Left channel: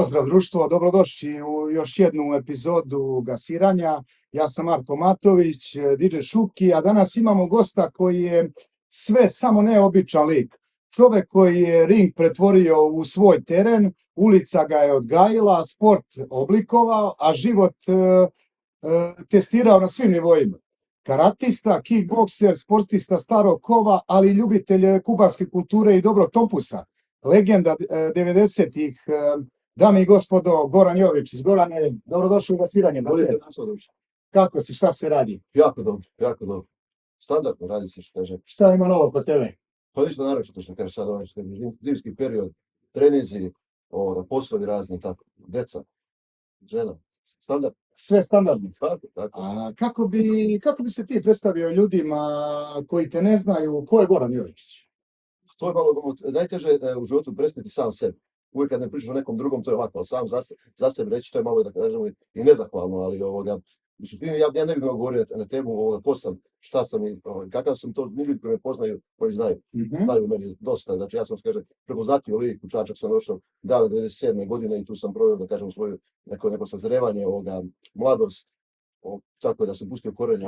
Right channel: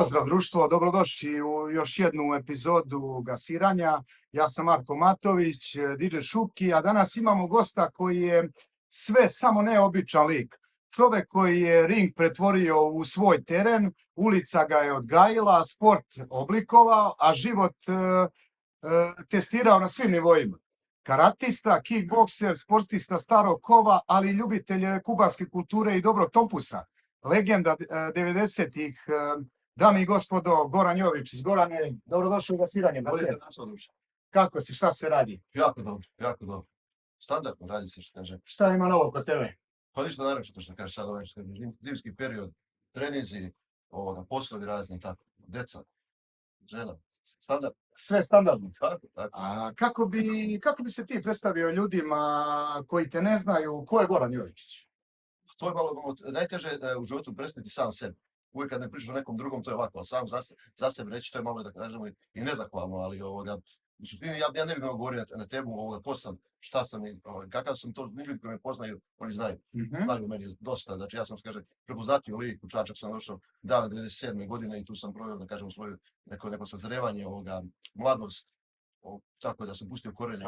Pozdrav društvo, dobrodošli u još jednu epizodu Gasiranja. Ja sam Marko Matović, DJ Šuki, a danas imamo gosta koji je sve samo neobičan lik. Čovjek koji je ring pretvorio u svoj teren, ulica ga je odgajila, sport oblikovao, a život testirao na svim nivoima. Karatista, kickbokser, sportista starog kova, ali i ljubitelj kubanske kulture i dobrog tompusa. Legenda 90-ih, dame i gospodo, Goran Jovičić. Gorane, dobrodošli u Gasiranje. Kako si, šta se radi? Jako dobro, jako dobro. Standardno radi se, što kaže. Šta ima novo kod tebe? Pa ništa naročito što kaže sad ovaj, što kaže, zimski period, trenizi, poslovi razni, tako, deca, žena, standard. Sve standardno. Tako. A kako bi se ti predstavio ljudima koji te ne znaju, ko je Goran Jovičić? To je malo najteže u životu predstaviti sam sebi. Uvijek kad ne pričaš o nekom drugom, to je lako, ali sam za sebe reći, to je malo, da kažemo, i nezahvalno, ali u suštini ja ne bih mogao govoriti na temu ko sam, šta sam i kakav sam, to ljudi koji me poznaju, koji znaju meni dosta. Znači ja sam, kaže, prepoznatio lik, u Čačak sam došao davne 97. godine i tu sam proveo, da kažem, svoje neko sazrevanje, mladost, tako da sam pustio korenje.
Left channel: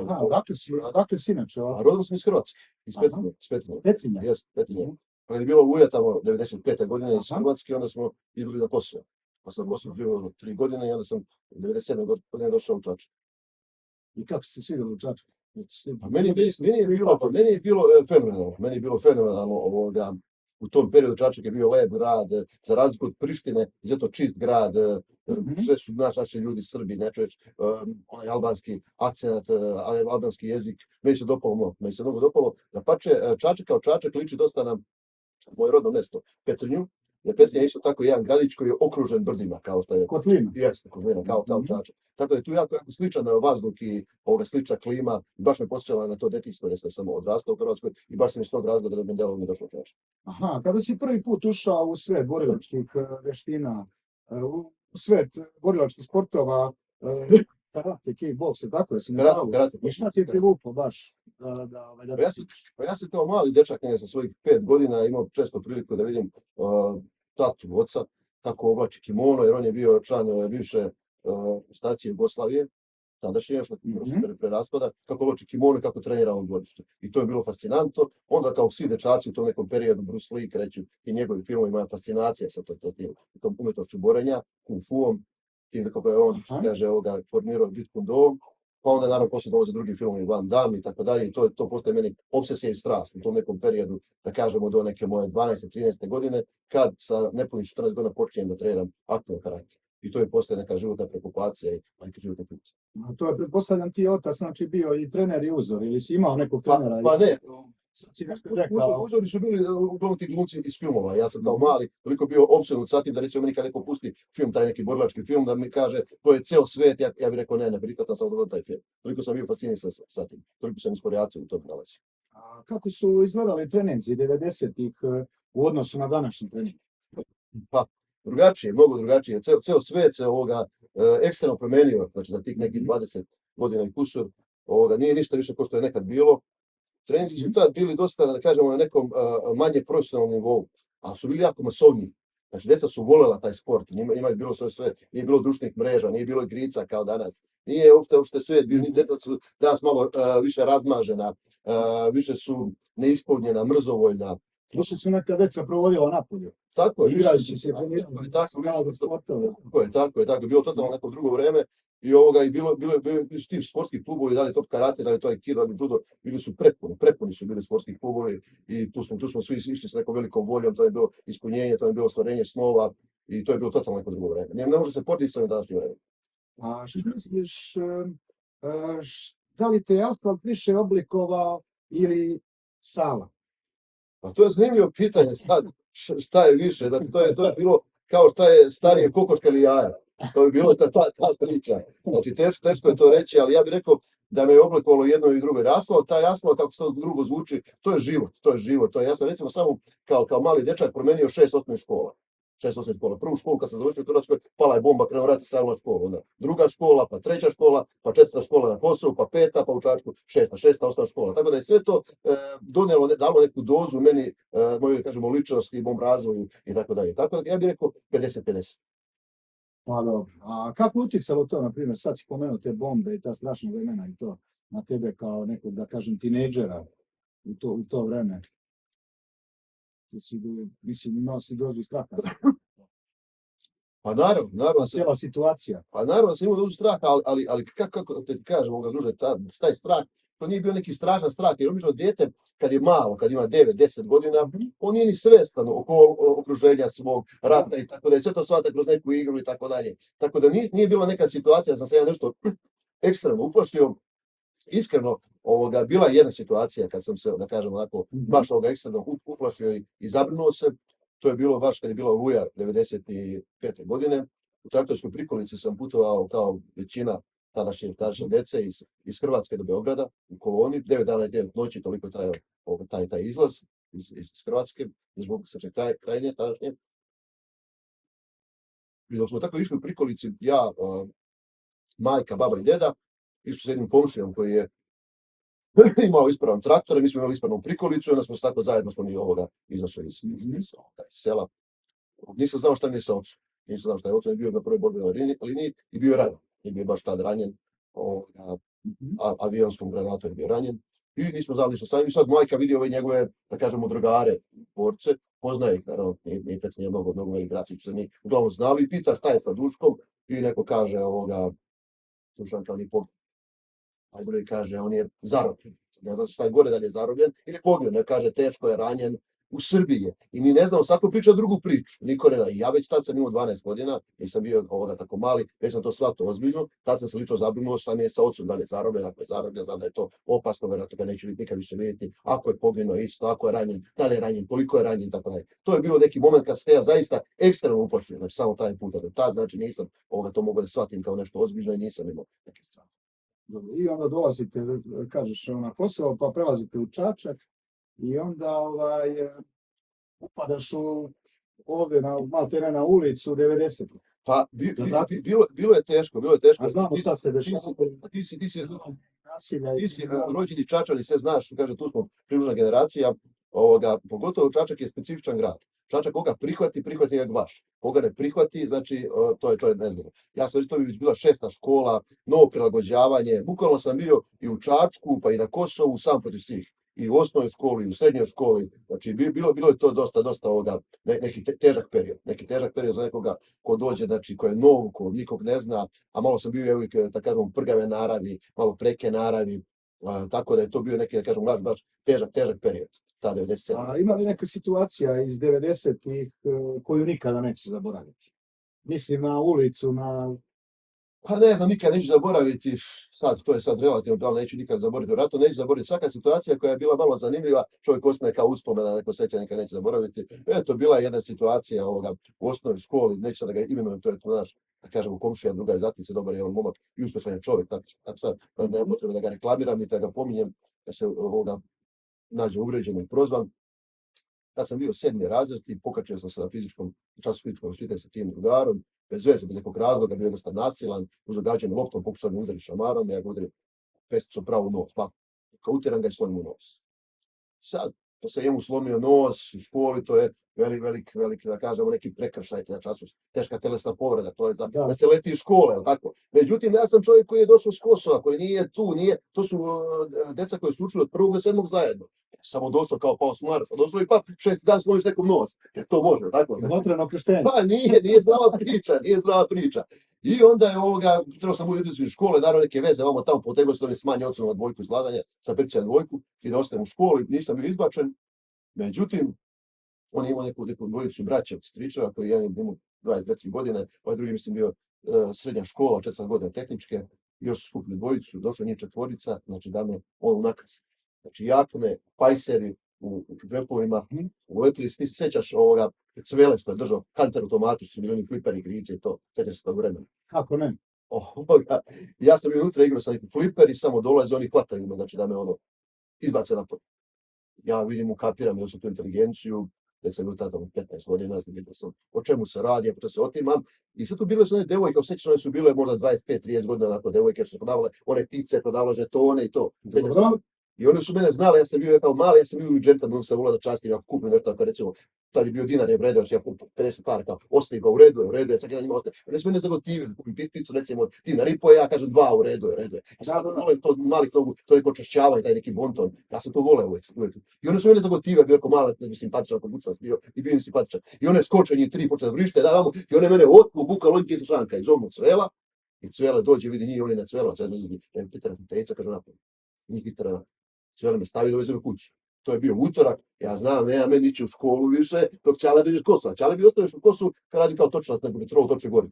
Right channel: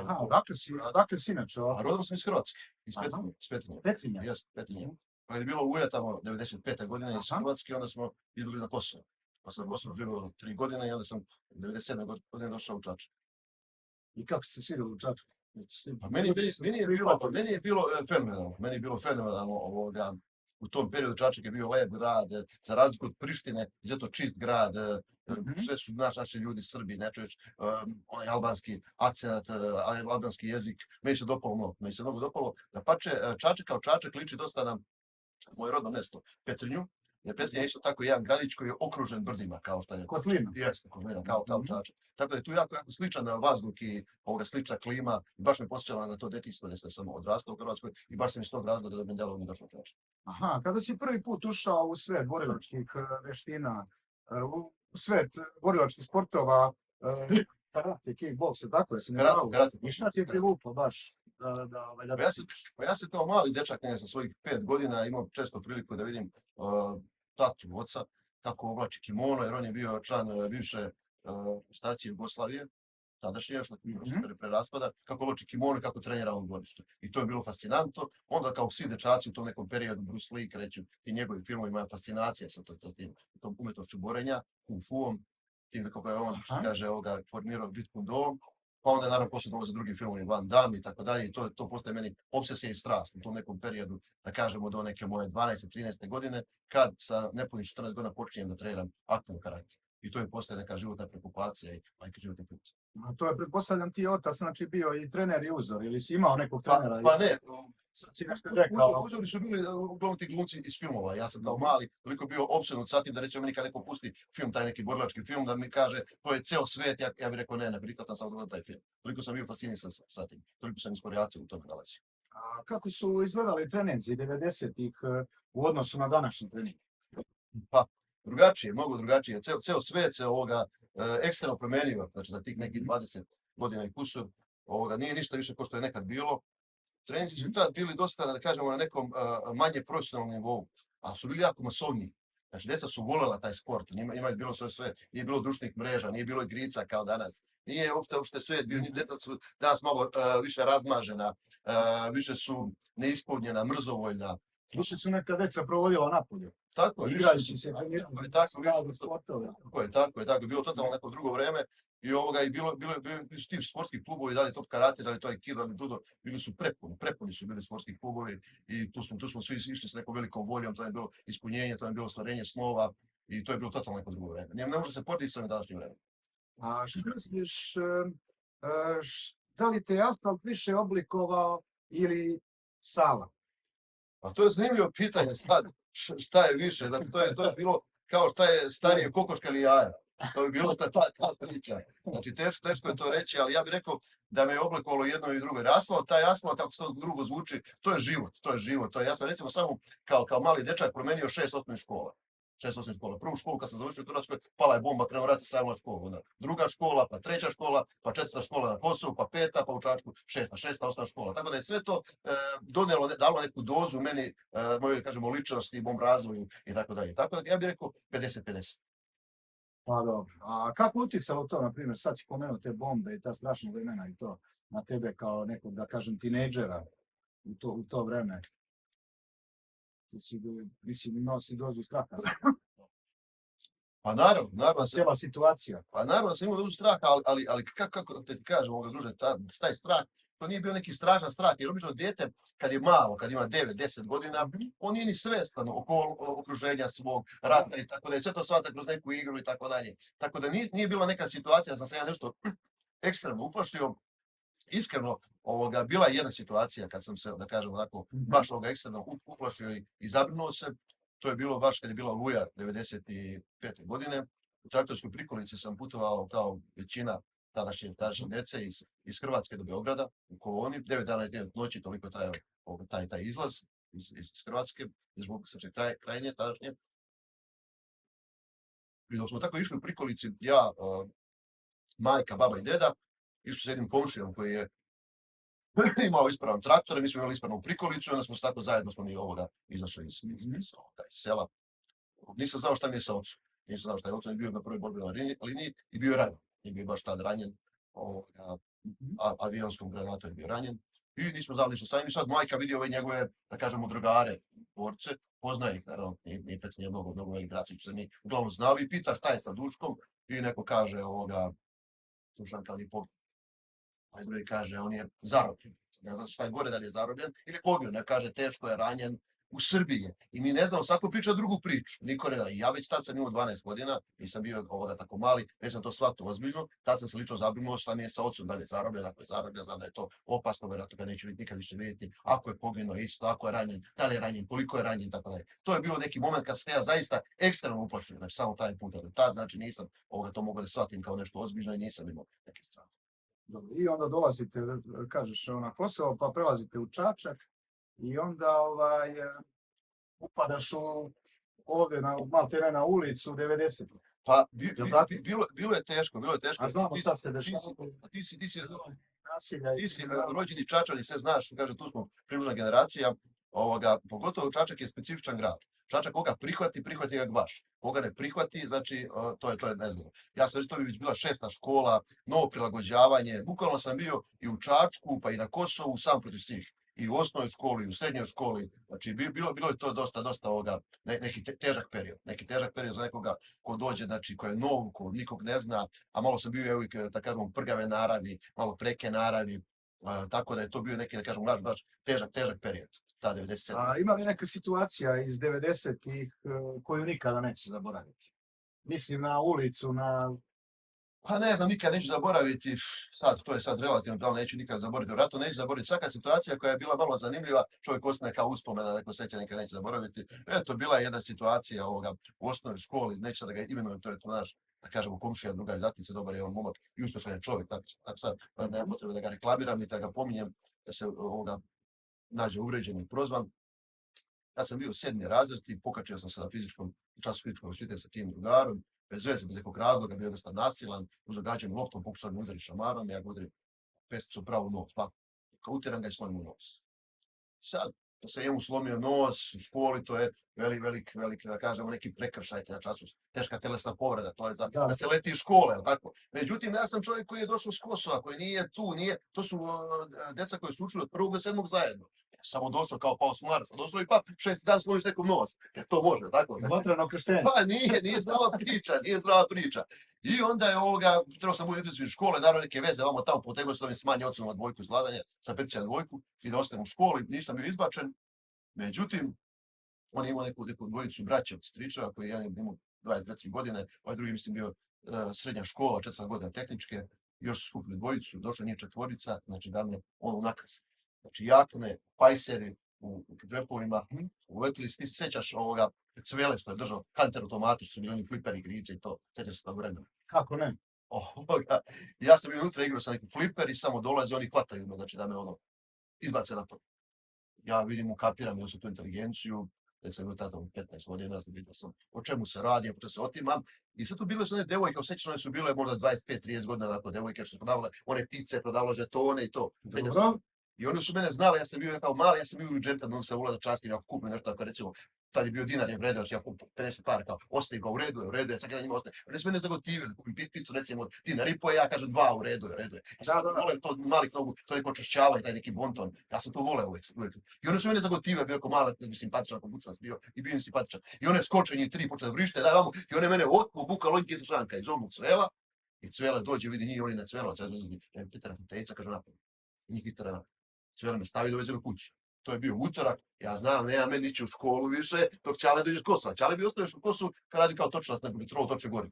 Dakle si inače? A rodom sam iz Hrvatske, iz Petrinje. Petrinja? Jes, Petrinje. Kad je bilo Oluja tamo 95. godine iz Hrvatske, onda smo izbili na Kosovo. Pa sam Kosovo živio 3 godine i onda sam 97. godine došao u Čačak. I kako ste sigurno u Čačak? Pa meni je bilo fenomenalno. Meni je bilo fenomenalno u tom periodu. Čačak je bio lep grad, za razliku od Prištine, izuzetno čist grad, sve su naši ljudi Srbi, ne čuješ onaj albanski akcent, albanski jezik, meni se mnogo dopalo. Dapače, Čačak kao Čačak liči dosta na moje rodno mjesto, Petrinju, jer Petrinja je isto tako jedan gradić koji je okružen brdima, kao što je Kotlina. Jeste, Kotlina, kao Čačak. Tako da je tu jako sličan vazduh i slična klima, i baš me posjećala na to detinjstvo gdje sam odrastao u Hrvatskoj i baš sam iz tog razloga da bi delo mi došlo u Čačak. Aha, kada si prvi put ušao u svet borilačkih vještina, u svet borilačkih sportova, karate, kickboks, tako je se ne pravu. I šta ti je privuklo baš? Pa ja sam kao mali dečak, sa svojih 5 godina imao često priliku da vidim tatu oca kako oblači kimono, jer on je bio član bivše stacije Jugoslavije, tadašnje, što pre raspada, kako oblači kimono i kako trenira u dvorištu. I to je bilo fascinantno. Onda kao svi dečaci u tom nekom periodu, Bruce Lee kreću i njegovi filmovi, moja fascinacija sa tom umjetnošću borenja, kung fuom, tim kako je on, kaže, formirao Jeet Kune Do, pa onda naravno poslije dolaze drugi filmovi, Van Damme i tako dalje, i to postaje meni obsesija i strast u tom nekom periodu, da kažemo do neke moje 12-13 godine, kad sa nepunih 14 godina počinjem da treniram aktivno karate. I to je postaje neka životna preokupacija i neki životni put. A to je, pretpostavljam, ti otac, znači bio i trener i uzor, ili si imao nekog trenera? Pa ne, uzori su bili uglavnom ti glumci iz filmova. Ja sam kao mali toliko bio opsjednut sa tim da recimo meni kad neko pusti film, taj neki borilački film, da mi kaže to je ceo svet, ja bih rekao ne prihvatam samo da gledam taj film. Toliko sam bio fasciniran sa tim, toliko sam inspiraciju u tome nalazio. A kako su izgledali treninzi 90-ih u odnosu na današnji trening? Pa, mnogo drugačije. Ceo svet se ekstremno promenio, znači za tih nekih 20 godina i kusur, nije ništa više kao što je nekad bilo. Treninzi su tad bili dosta, da kažemo, na nekom manje profesionalnom nivou, ali su bili jako masovniji. Znači, djeca su voljela taj sport, njima je bilo sve, nije bilo društvenih mreža, nije bilo igrica kao danas. Nije uopšte svijet bio, djeca su danas malo više razmažena, više su neispunjena, mrzovoljna. Više su neka deca provodila napolju. Tako je. Igrajući se. Tako je. Bilo totalno neko drugo vreme i bili su ti sportski klubovi, da li to karate, da li to aikido, da li judo, bili su prepuni su bili sportski klubovi i tu smo svi išli s nekom velikom voljom, to je bilo ispunjenje, to je bilo stvarenje snova i to je bilo totalno neko drugo vreme. Ne može se porediti s ovim današnjim vremenom. A što misliš, da li te asfalt više oblikovao ili sala? Pa to je zanimljivo pitanje sad, šta je više, dakle to je bilo kao šta je starije kokoška ili jaja, to je bilo ta priča, znači teško je to reći, ali ja bih rekao da me je oblikovalo jedno i drugo, jer taj asfalt, kako se to drugo zvuči, to je život, ja sam recimo samo kao mali dečak promenio 6 osnovnih škola. Prvu školu kad sam završio u Hrvatskoj, pala je bomba, krenuo rat i stavila školu. Onda druga škola, pa treća škola, pa 4. škola na Kosovu, pa 5. pa u Čačku 6. osnovna škola. Tako da je sve to dalo neku dozu meni, moje, kažemo, ličnosti, mom razvoju i tako dalje. Tako da ja bih rekao 50-50. Pa dobro. A kako utjecalo to, na primjer, sad si pomenuo te bombe i ta strašna vremena i to na tebe kao nekog, da kažem, tinejdžera u to vreme? Mislim, imao si dozu straha. Pa naravno, Cijela situacija. pa naravno da sam imao dozu straha, ali kako te ti kažem, druže, taj strah, to nije bio neki strašan strah, jer obično dijete, kad je malo, kad ima 9-10 godina, on nije ni svestan oko okruženja svog rata i tako da je sve to shvata kroz neku igru i tako dalje. Tako da nije bila neka situacija, sam se ja nešto ekstremno uplašio. Iskreno, bila je jedna situacija kad sam se, da kažem onako, baš ekstremno uplašio i zabrinuo se. To je bilo baš kad je bila Oluja 95. godine. U traktorskoj prikolici sam putovao kao većina tadašnje dece iz Hrvatske do Beograda u koloni. 9 dana i 9 noći, toliko je trajao taj izlaz iz Hrvatske, zbog Srpske krajine tadašnje. I dok smo tako išli u prikolici, ja, majka, baba i deda, išli s jednim komšijom koji je imao ispravan traktor, mi smo imali ispravnu prikolicu i onda smo se tako zajedno izašli iz sela. Nisam znao šta mi je sa ocem. Nisam znao šta je ocem, bio na prvoj borbenoj liniji i bio je ranjen. I bio je baš tad ranjen, avionskom granatom je bio ranjen. I nismo znali što sam. I sad majka vidi ove njegove, da kažemo, drugare, borce, poznaje ih, naravno, nije mnogo velik brat, su se mi uglavnom znali i pita šta je sa Duškom i neko kaže Dušan kao nije poginuo. A drugi kaže, on je zarobljen. Ne znam šta je gore, da li je zarobljen ili poginuo. Ne kaže, teško je ranjen u Srbiji. I mi ne znamo, svako priča drugu priču. Niko ne zna. Ja već tad sam imao 12 godina, nisam bio tako mali, već sam to shvatio ozbiljno. Tad sam se lično zabrinuo šta mi je sa ocem, da li je zarobljen, ako je zarobljen, znam da je to opasno, vjerojatno ga neću nikad više vidjeti. Ako je poginuo isto, ako je ranjen, da li je ranjen, koliko je ranjen, tako dalje. To je bilo neki moment kad se ja zaista ekstremno uplašio. Znači samo taj puta do tad, znači nisam to mogao da shvatim kao nešto ozbiljno i nisam imao neke strane. I onda dolazite, kažeš, na Kosovo, pa prelazite u Čačak i onda upadaš ovdje maltene na ulicu 90. Pa bilo je teško. A znamo šta se dešava. Ti si rođeni Čačani, sve znaš, kaže, tu smo približna generacija, pogotovo Čačak je specifičan grad. Čačak koga prihvati ga baš. Koga ne prihvati, znači, to je nezgodno. Ja sam već to već bila 6. škola, novo prilagođavanje. Bukvalno sam bio i u Čačku, pa i na Kosovu, sam protiv svih. I u osnovnoj školi, i u srednjoj školi. Znači, bilo je to dosta neki težak period. Neki težak period za nekoga ko dođe, znači, ko je nov, ko nikog ne zna, a malo sam bio uvijek, da kažemo, prgave naravi, malo preke naravi. Tako da je to bio neki, da kažemo, baš težak period. Ta 97. A ima li neka situacija iz 90-ih koju nikada neće zaboraviti? Mislim na ulicu, na... Pa ne znam, nikad neću zaboraviti, to je sad relativno, da li neću nikad zaboraviti, vjerojatno neću zaboraviti. Svaka situacija koja je bila malo zanimljiva, čovjek ostane kao uspomena, neko seća, nikad neće zaboraviti. Eto, bila je jedna situacija u osnovnoj školi, neću da ga imenujem, to je to naš, da kažemo, komšija, druga iz Zatice, dobar je on momak i uspješan je čovjek, tako sad nema potrebe da ga reklamiram i da ga pominjem, da se nađe uvređen i prozvan. Ja sam bio 7. razred i pokačio sam se na času fizičkog vaspitanja sa tim drugarom, bez veze, bez nekog razloga, bio dosta nasilan, uz događanje loptom pokušao me udariti šamarom, ja ga udarim pesticom pravo u nos, pa kao utiram ga i slomim u nos. Sad, da se njemu slomio nos u školi, to je velik, da kažemo, neki prekršaj na času, teška telesna povreda, to je da se leti iz škole, jel tako? Međutim, ja sam čovjek koji je došao s Kosova, koji nije tu, to su deca koji su učili od 1. do 7. zajedno. Samo došao kao pao s Marsa, došao i pa 6. dan slomiš nekom nos. To može, tako? Vatreno krštenje. Pa nije zdrava priča. I onda je trebao sam biti iz škole, naravno neke veze, tamo poteglo se da mi smanje ocenu na dvojku izvladanja, sa peticija na dvojku, i da ostajem u školi, nisam bio izbačen. Međutim, on je imao neku dvojicu braća od stričeva, koji jedan je imao 22 godine, ovaj drugi mislim bio srednja škola, 4. godina tehničke, još su skupili dvojicu, došla njih 4, znači da me on u nakaz. Znači jakne, pajseri u džepovima, uletili, ti se sećaš cvele što je držao, Hunter automati, što su bili oni fliperi, igrice i to, sećaš se tog vremena. Kako ne? Ja sam bio unutra igrao sa nekim fliper i samo dolaze, oni hvataju me, znači da me izbace napad. Ja vidim, ukapiram ja sam tu inteligenciju, da sam bio tada 15 godina, vidio sam o čemu se radi, ja počeo se otimam. I sad tu bile su one devojke, osjećano one su bile možda 25-30 godina, onako devojke što su prodavale one pice, prodavale žetone i to. I oni su mene znali, ja sam bio kao mali, ja sam bio u džentlmenu, sam volao da častim, ako kupim nešto, ako recimo, tad je bio dinar, je vredeo, ja kupim 50 para, kao, ostaje ga, u redu je, svaki dan njima ostaje. Oni su mene zagotivili, kupim picu, recimo, dinar i po, ja kažem 2, u redu je. Ja sam voleo to malih nogu, to neko čašćavanje, taj neki bonton, ja sam to voleo uvek. I oni su mene zagotivili, bio kao mala, simpatičan, ako bucnac bio, i bio im simpatičan. I one skoče njih 3, počne da vrište, da vamo, i one mene otku, buka lonjke sa šanka, iz omog cvela, i cvela dođe, vidi njih, oni na cvelo, sad uzeti, Petra Teca, kaže napolje. Njih istara napolje. Cvele me stavi da vezem kući. To je bio utorak, ja znam, nema meni ići u školu više, dok Ćale dođe s Kosova. Ćale bi ostao još u Kosovu kad radi kao točnac na Petrovu toče gori.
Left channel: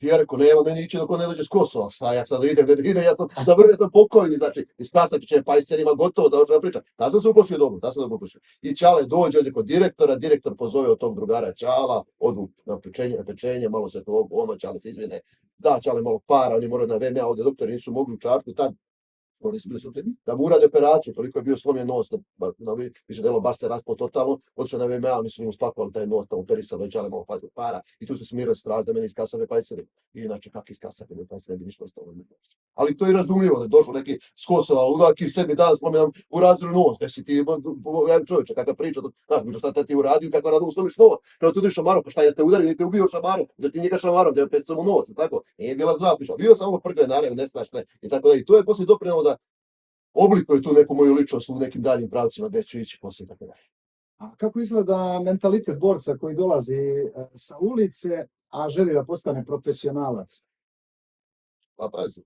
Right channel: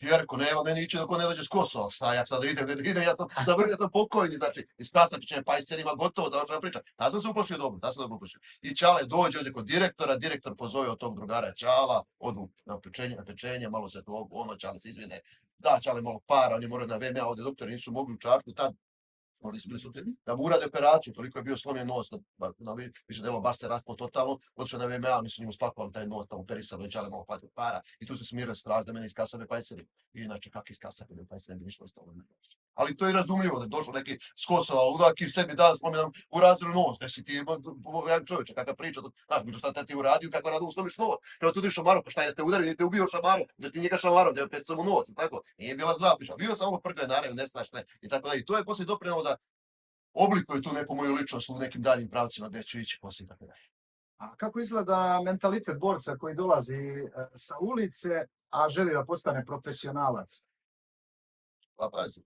I ja rekao, nema meni ići dok on ne dođe s Kosova. Šta ja sada idem, ja sam pokojni, znači, iz Kasapića, pajserima, gotovo, završena priča. Ta sam se uplašio dobro, ta sam dobro uplašio. I Ćale dođe kod direktora, direktor pozove od tog drugara Ćala, odu na pečenje, malo se to ono, Ćale se izvine, da Ćale malo para, oni moraju na VMA, ovdje doktori nisu mogli u Čačku, tad oni su bili slučajni, da mu urade operaciju, toliko je bio slomljen nos, više delo baš se raspao totalno, otišao na VMA, oni su njemu spakovali taj nos, tamo operisali, već malo para, i tu su smirali strast da meni iz Kasave pajseri. I inače, kak iz Kasave pajseri, bi ništa ostalo. Ali to je razumljivo, da je došao neki s Kosova, ludak i 7 dan slomljen u razredu nos, da si ti, čovječe, kakva priča, znaš, šta ti uradio, kakva radu slomiš nos, kada tu ideš šamarom, pa šta je da te udari, da te ubio šamarom, da ti njega šamarom, da je opet samo novac, tako, nije bila zdrava priča, bio sam ono prkve, naravno, ne znaš, ne, i tako da, i to je poslije doprinalo da oblikuje tu neku moju ličnost u nekim daljim pravcima gde ću ići poslije tako dalje. A kako izgleda mentalitet borca koji dolazi sa ulice, a želi da postane profesionalac? Pa pazi,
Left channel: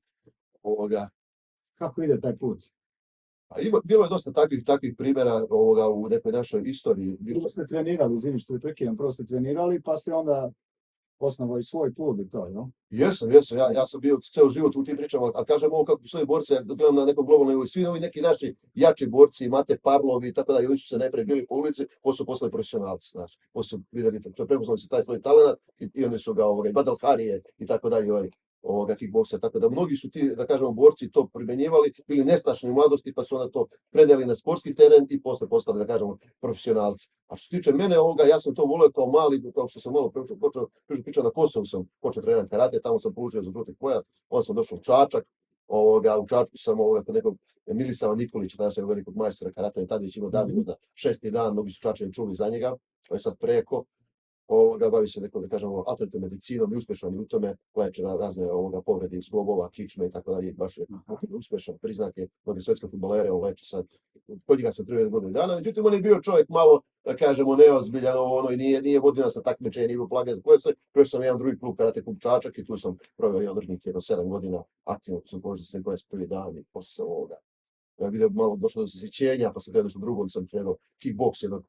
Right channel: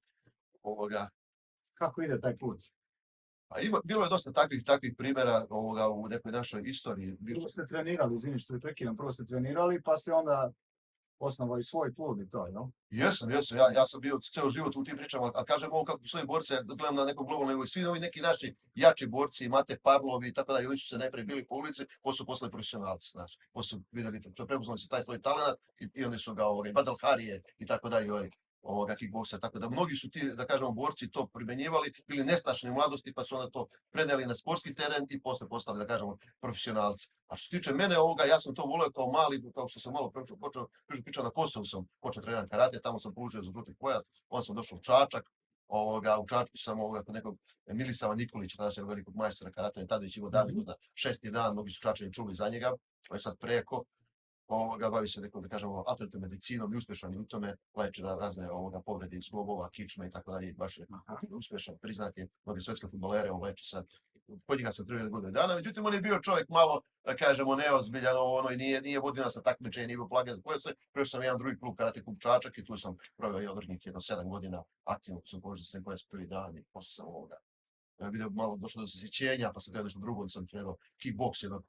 Kako ide taj put? bilo je dosta takvih primjera u nekoj našoj istoriji. Prvo ste trenirali, izvini što te prekidam, prvo ste trenirali, pa ste onda osnovao i svoj klub i to, jel? Jesam, ja sam bio ceo život u tim pričama, a kažem ovo kako svoje borce, gledam na nekom globalnom nivou, svi ovi neki naši jači borci, Mate Parlovi i tako dalje, oni su se najpre bili po ulici, posle postali profesionalci, znači, posle videli, to prepoznali su taj svoj talent i oni su ga, i Badal Harije i tako dalje, kickbokser, tako da mnogi su ti, da kažemo, borci to primenjivali, bili nestašni u mladosti, pa su onda to predali na sportski teren i posle postali, da kažemo, profesionalci. A što se tiče mene ja sam to voleo kao mali, kao što sam malo pričao na Kosovu sam počeo trenirati karate, tamo sam polučio za žuti pojas, onda sam došao u Čačak, u Čačku sam kod nekog Milisava Nikolića, tada sam velikog majstora karate, tada već imao davnih godina, 6. dan, mnogi su Čačani čuli za njega, on je sad preko, bavi se nekom, da kažemo, alternativnom medicinom i uspešan u tome, leče razne povrede iz zglobova, kičme i tako dalje, baš je uspešan, priznat je, mnoge svetske fudbalere, on leči sad, kod njega sam 30 godina dana, međutim, on je bio čovjek malo, da kažemo, neozbiljan, i nije vodio nas na takmičenje, nije bio plagen za pojasoj, prešao sam jedan drugi klub, karate klub Čačak, i tu sam proveo i održnik jedno 7 godina, aktivno sam požio sve 21. dan i posle sam video malo došlo do zasićenja, pa sam gledao nešto drugo, sam trenirao kickboks jedno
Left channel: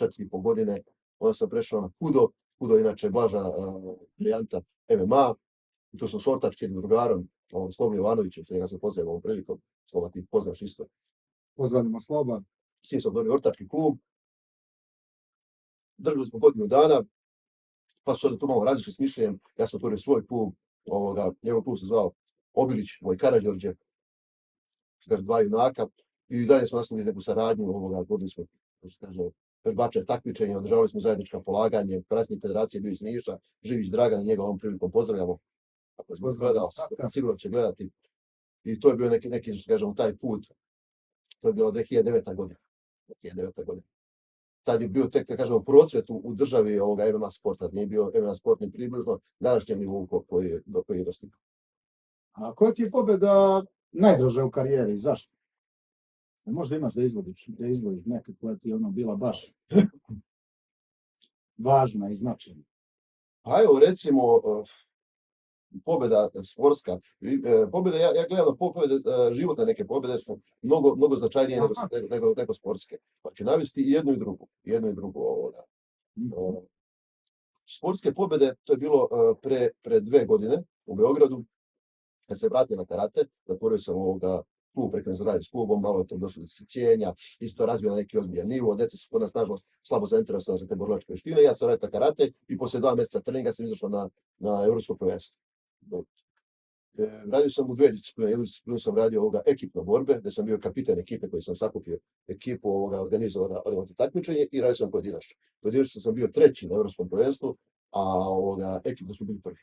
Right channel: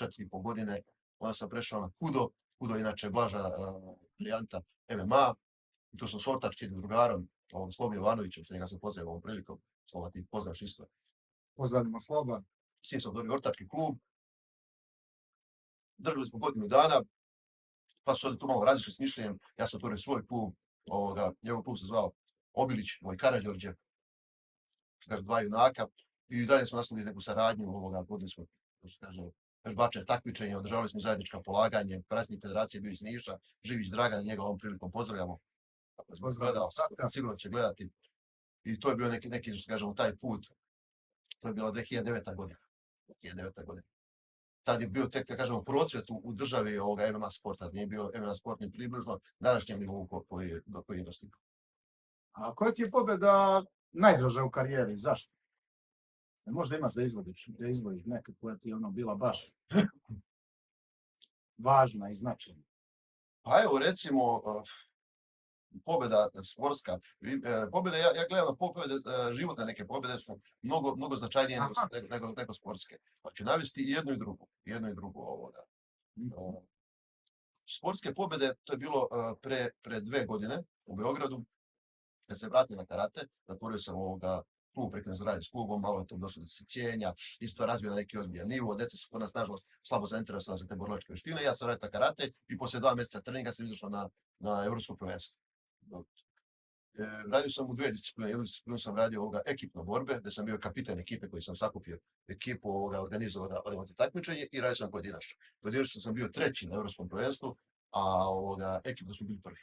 4,5 godine, onda sam prešao na Kudo inače blaža varijanta MMA, i tu sam s ortačkim drugarom, Slobo Jovanovićem, što njega sam pozdravio ovom prilikom, Sloba ti poznaš isto. Pozdravimo Sloba. S njim sam dobio ortački klub, držali smo godinu dana, pa su ovdje tu malo različiti s mišljenjem, ja sam otvorio svoj klub, njegov klub se zvao Obilić, moj Karađorđe, kaže 2 junaka, i dalje smo nastavili neku saradnju, vodili smo, što kaže, vežbače takmičenja, održavali smo zajednička polaganje, predsjednik federacije bio iz Niša, Živić Dragan, i njega ovom prilikom pozdravljamo. Ako je gledao, sigurno će gledati. I to je bio neki, što kažemo, taj put. To je bila 2009. godina. Tad je bio tek, da kažemo, procvet u državi MMA sporta, nije bio MMA sport ni približno današnjem nivou do koji je dostigao. A koja ti je pobjeda najdraža u karijeri? Zašto? Možda imaš da izvodiš neka koja ti je bila baš važna i značajna. Pa evo, recimo, pobjeda sportska, pobjede, ja gledam na pobjede, životne neke pobjede su mnogo značajnije nego sportske. Pa ću navesti i jednu i drugu. Sportske pobjede, to je bilo pre 2 godine u Beogradu, kad se vratio na karate, zatvorio sam klub, prekren se radi s klubom, malo je to došlo do sićenja, isto razvio na neki ozbiljan nivo, deca su kod nas nažalost slabo zainteresovana za te borilačke veštine, ja sam radio na karate i posle 2 mjeseca treninga sam izašao na evropsko prvenstvo. Radio sam u 2 discipline, jednu disciplinu sam radio ekipno borbe, gde sam bio kapitan ekipe koji sam sakupio ekipu, organizovao da odemo na takmičenje, i radio sam pojedinačno. Pojedinačno sam bio 3. na evropskom prvenstvu, a ekipno smo bili 1.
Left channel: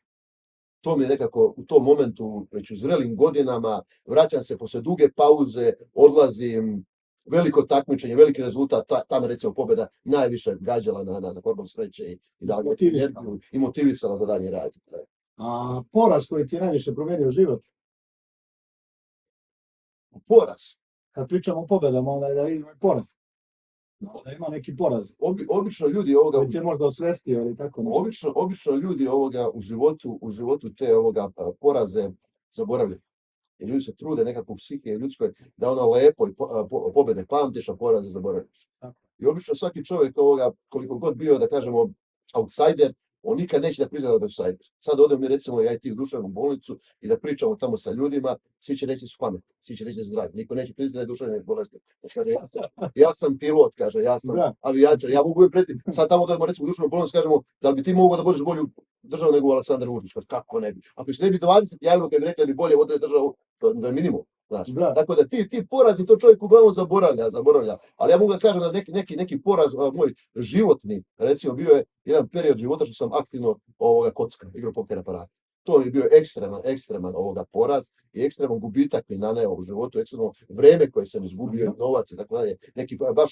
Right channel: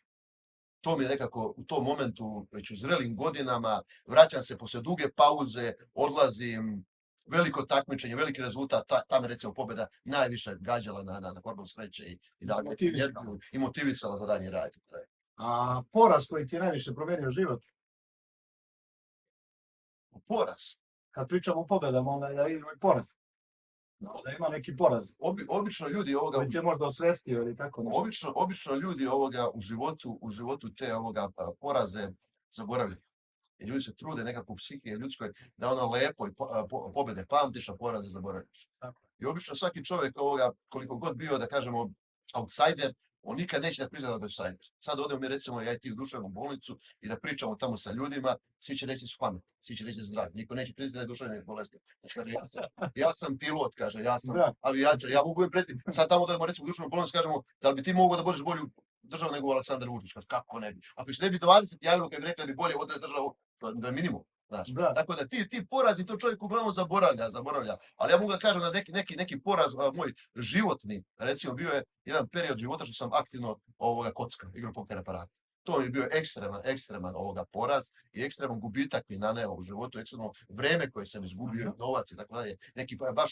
to mi je nekako u tom momentu, već u zrelim godinama, vraćam se posle duge pauze, odlazim, veliko takmičenje, veliki rezultat, ta me recimo pobjeda najviše gađala na hormon sreće i dala mi neku energiju i motivisala za dalje rad. A poraz koji ti je najviše promenio život? Poraz. Kad pričamo o pobedama, onda je da vidimo i poraz. Da ima neki poraz. Obično ljudi ovoga... Koji te možda osvestio ili tako nešto. Obično ljudi ovoga u životu te ovoga poraze zaboravljaju. I ljudi se trude nekako u psihi ljudskoj da ono lepo i pobjede pamtiš, a poraze zaboraviš. I obično svaki čovjek ovoga, koliko god bio, da kažemo, outsider, on nikad neće da prizna da je outsider. Sad odemo mi recimo ja i ti u duševnu bolnicu i da pričamo tamo sa ljudima, svi će reći su pametni, svi će reći da su zdravi. Niko neće priznati da je duševni bolestan. Kaže, ja sam pilot, kaže, ja sam avijačar, ja mogu predstaviti. Sad tamo odemo recimo u duševnu bolnicu, kažemo, da li bi ti mogao da budeš bolju državu nego Aleksandar Vučić? Kako ne bi? Ako se ne bi 20 javilo kad bi rekli da bi bolje vodili državu, to je minimum. Znači, tako da ti porazi to čovjek uglavnom zaboravlja. Ali ja mogu da kažem da neki poraz moj životni, recimo bio je jedan period života što sam aktivno kocka, igro poker aparata. To mi je bio ekstreman poraz i ekstreman gubitak mi naneo u životu, ekstremno vreme koje sam izgubio, novac i tako dalje. Neki baš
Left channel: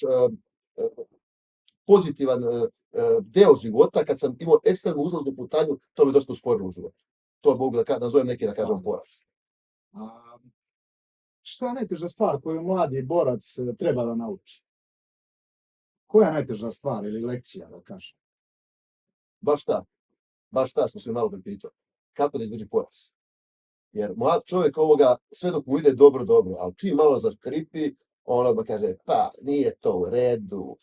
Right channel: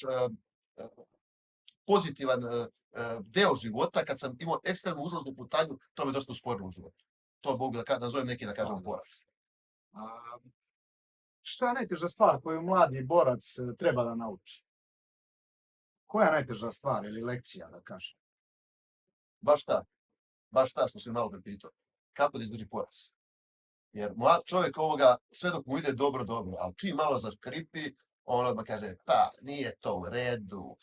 pozitivan deo života, kad sam imao ekstremnu uzlaznu putanju, to mi dosta usporilo u životu. To mogu da nazovem neki, da kažem, poraz. Šta je najteža stvar koju mladi borac treba da nauči? Koja je najteža stvar ili lekcija, da kažem? Baš ta što si malo prepitao. Kako da izdrži poraz? Jer mlad čovjek sve dok mu ide dobro, ali čim malo zakripi, on odmah kaže, pa nije to u redu,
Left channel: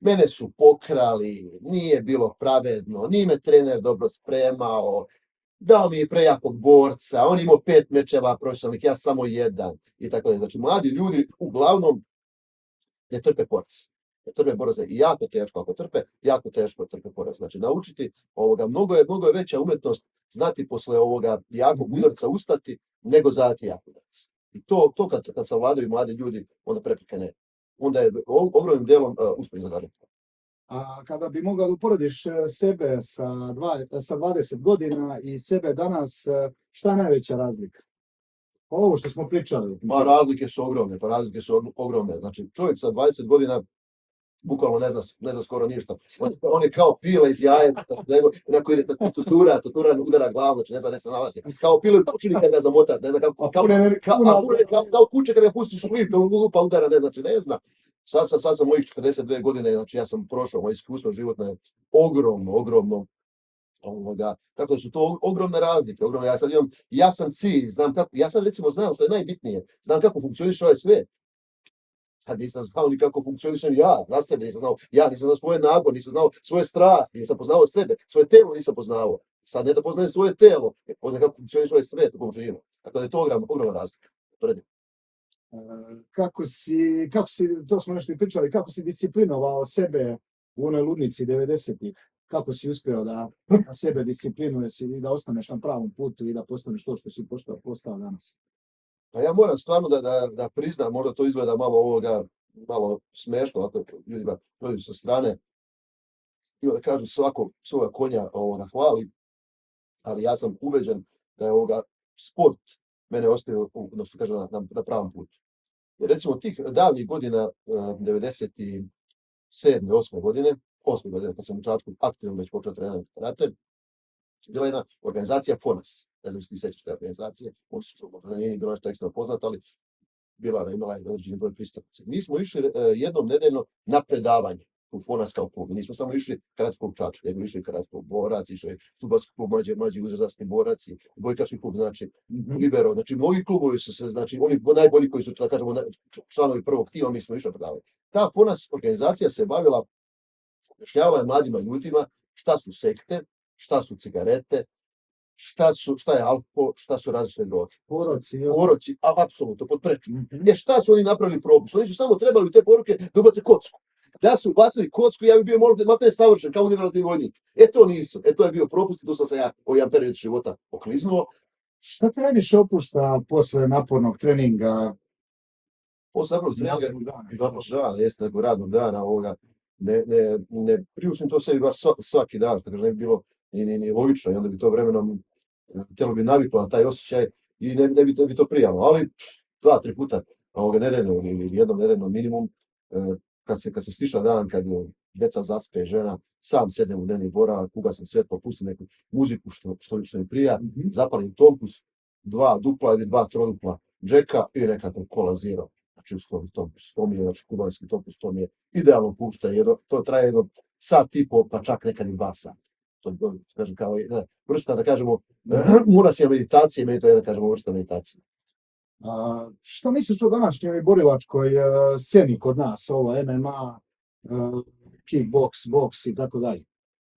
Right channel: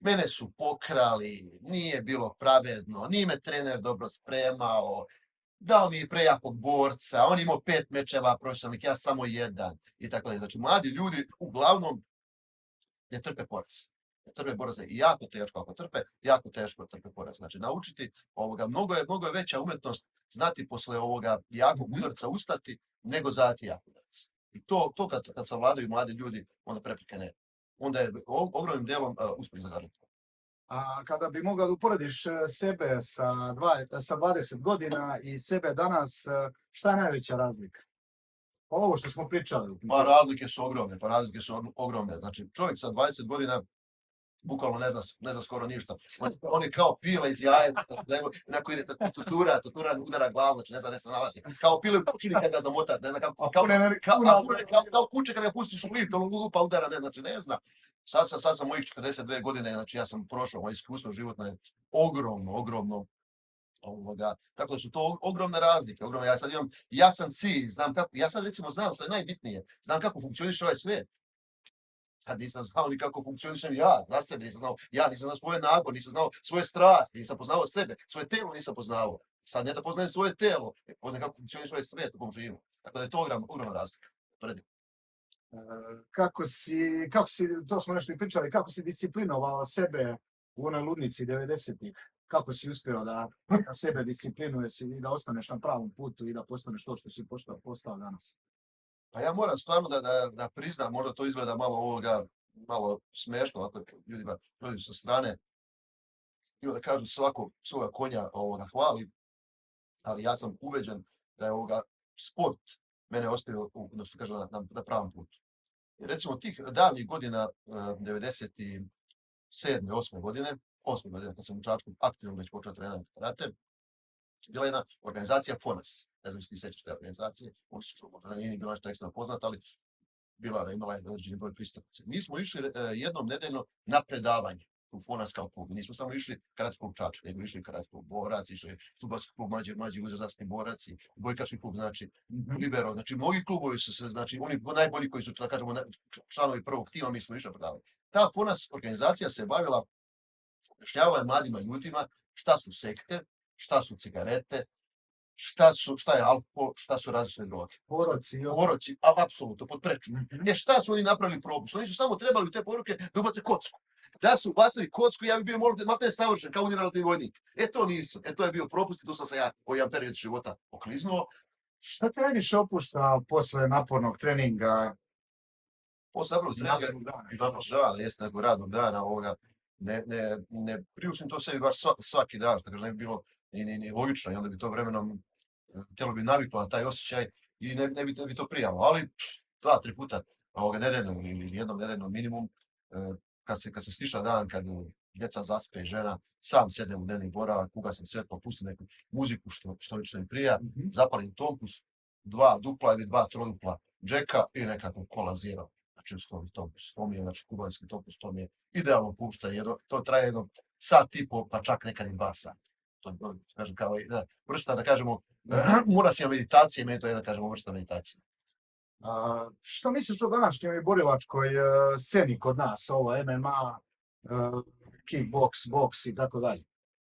mene su pokrali, nije bilo pravedno, nije me trener dobro spremao, dao mi je prejakog borca, on imao 5 mečeva profesionalnih, ja samo 1 i tako dalje. Znači, mladi ljudi uglavnom ne trpe poraz. Ne trpe poraz i jako teško ako trpe, jako teško trpe poraz. Znači, naučiti mnogo je veća umetnost znati posle ovoga jakog udarca ustati nego zadati jak udarac. I to kad savladaju mladi ljudi, onda prepreke ne. Onda je ogromnim delom uspjeh zagađati. A kada bi mogao da uporediš sebe sa 20 godina i sebe danas, šta je najveća razlika? Ovo što smo pričali. Pa razlike su ogromne. Znači, čovjek sa 20 godina bukvalno ne zna skoro ništa. On je kao pile iz jaja, onako ide tutura udara glavu, znači ne zna gde se nalazi. Kao pile u kućini kad ga zamota, ne zna kao kuće kad ga pustiš u lift, pa udara, ne znači, ne zna. Sad sam mojih 42 godine, znači ja sam prošao, moje iskustvo životno je ogromno. Tako da su to ogromne razlike. Ja sad imam jasan cilj, ja sad recimo znam što je najbitnije, znam kako funkcioniše ovaj svet. Sad nisam znao ni kako funkcionišem ja, za sebe nisam znao, ja nisam znao svoje nagon, nisam znao svoje strasti, nisam poznao sebe, svoje telo nisam poznao. Sad ne da poznajem svoje telo, poznajem kako funkcioniše ovaj svet u kojem živimo. Tako da je to ogromna razlika. Kako si, to smo nešto i pričali, kako si disciplinovao sebe u onoj ludnici 90-ih? Kako si uspio da sebe disciplinuješ i da ostaneš na pravom putu i da postaneš to što si postao danas? Pa ja moram stvarno da priznam, možda to izgleda malo smešno, ovako ljudima sa strane, ili da kažu svako svoga konja hvali, ali ja sam ubeđen da je sport mene ostavio na pravom putu. Jer recimo tih davnih godina, 97. 8. godine, kad sam u Čačku aktivno već počeo trenirati karate, bila jedna organizacija FONAS. Ne znam si ti sećaš te organizacije, možda nije ni bilo nešto ekstra poznato, ali imala je određeni broj pristupnica. Mi smo išli jednom nedeljno na predavanje u FONAS kao klub. Nismo samo išli karate klub Čačak, nego išli karate klub Borac, išli fudbalski klub mlađi uzrasni borac, bojkaški klub, znači Libero. Znači, mnogi klubovi su se, znači oni najbolji koji su, da kažemo, članovi prvog tima, mi smo išli na predavanje. Ta FONAS organizacija se bavila, objašnjavala je mladima ljudima šta su sekte, šta su cigarete, šta je alkohol, šta su različite droge. Poroci, apsolutno, pod preču. Šta su oni napravili propust? Oni su samo trebali u te poruke da ubace kocku. Da su ubacili kocku, ja bi bio možda savršen, kao univerzalni vojnik. To nisu. To je bio propust i tu sam se ja u jedan period života okliznuo. Šta te najviše opušta posle napornog treninga? Posle napornog treninga, jeste nekog radnog dana ne priuštim to sebi baš svaki dan, što kaže, ne bi bilo ni logično i onda bi to vremenom tijelo bi naviklo na taj osjećaj i ne bi to prijalo. Ali 2-3 puta nedeljno ili jednom nedeljno minimum, kad se stiša dan, kad djeca zaspe, žena, sam sednem u dnevni boravak, ugasim svjetlo, pustim neku muziku što mi prija, zapalim tompus, 2 dupla ili 2 trodupla džeka i nekakav kola zero. Znači uslovni tompus, to mi je, znači kubanski tompus, to mi je idealno pušta, to traje jedno sat i po, pa čak nekad i 2 sata. To kažem kao jedna vrsta, da kažemo, murasija meditacije, meni to je jedna, kažemo, vrsta meditacije. Šta misliš o današnjoj borilačkoj sceni kod nas, ovo MMA, kickboks, boks i tako dalje?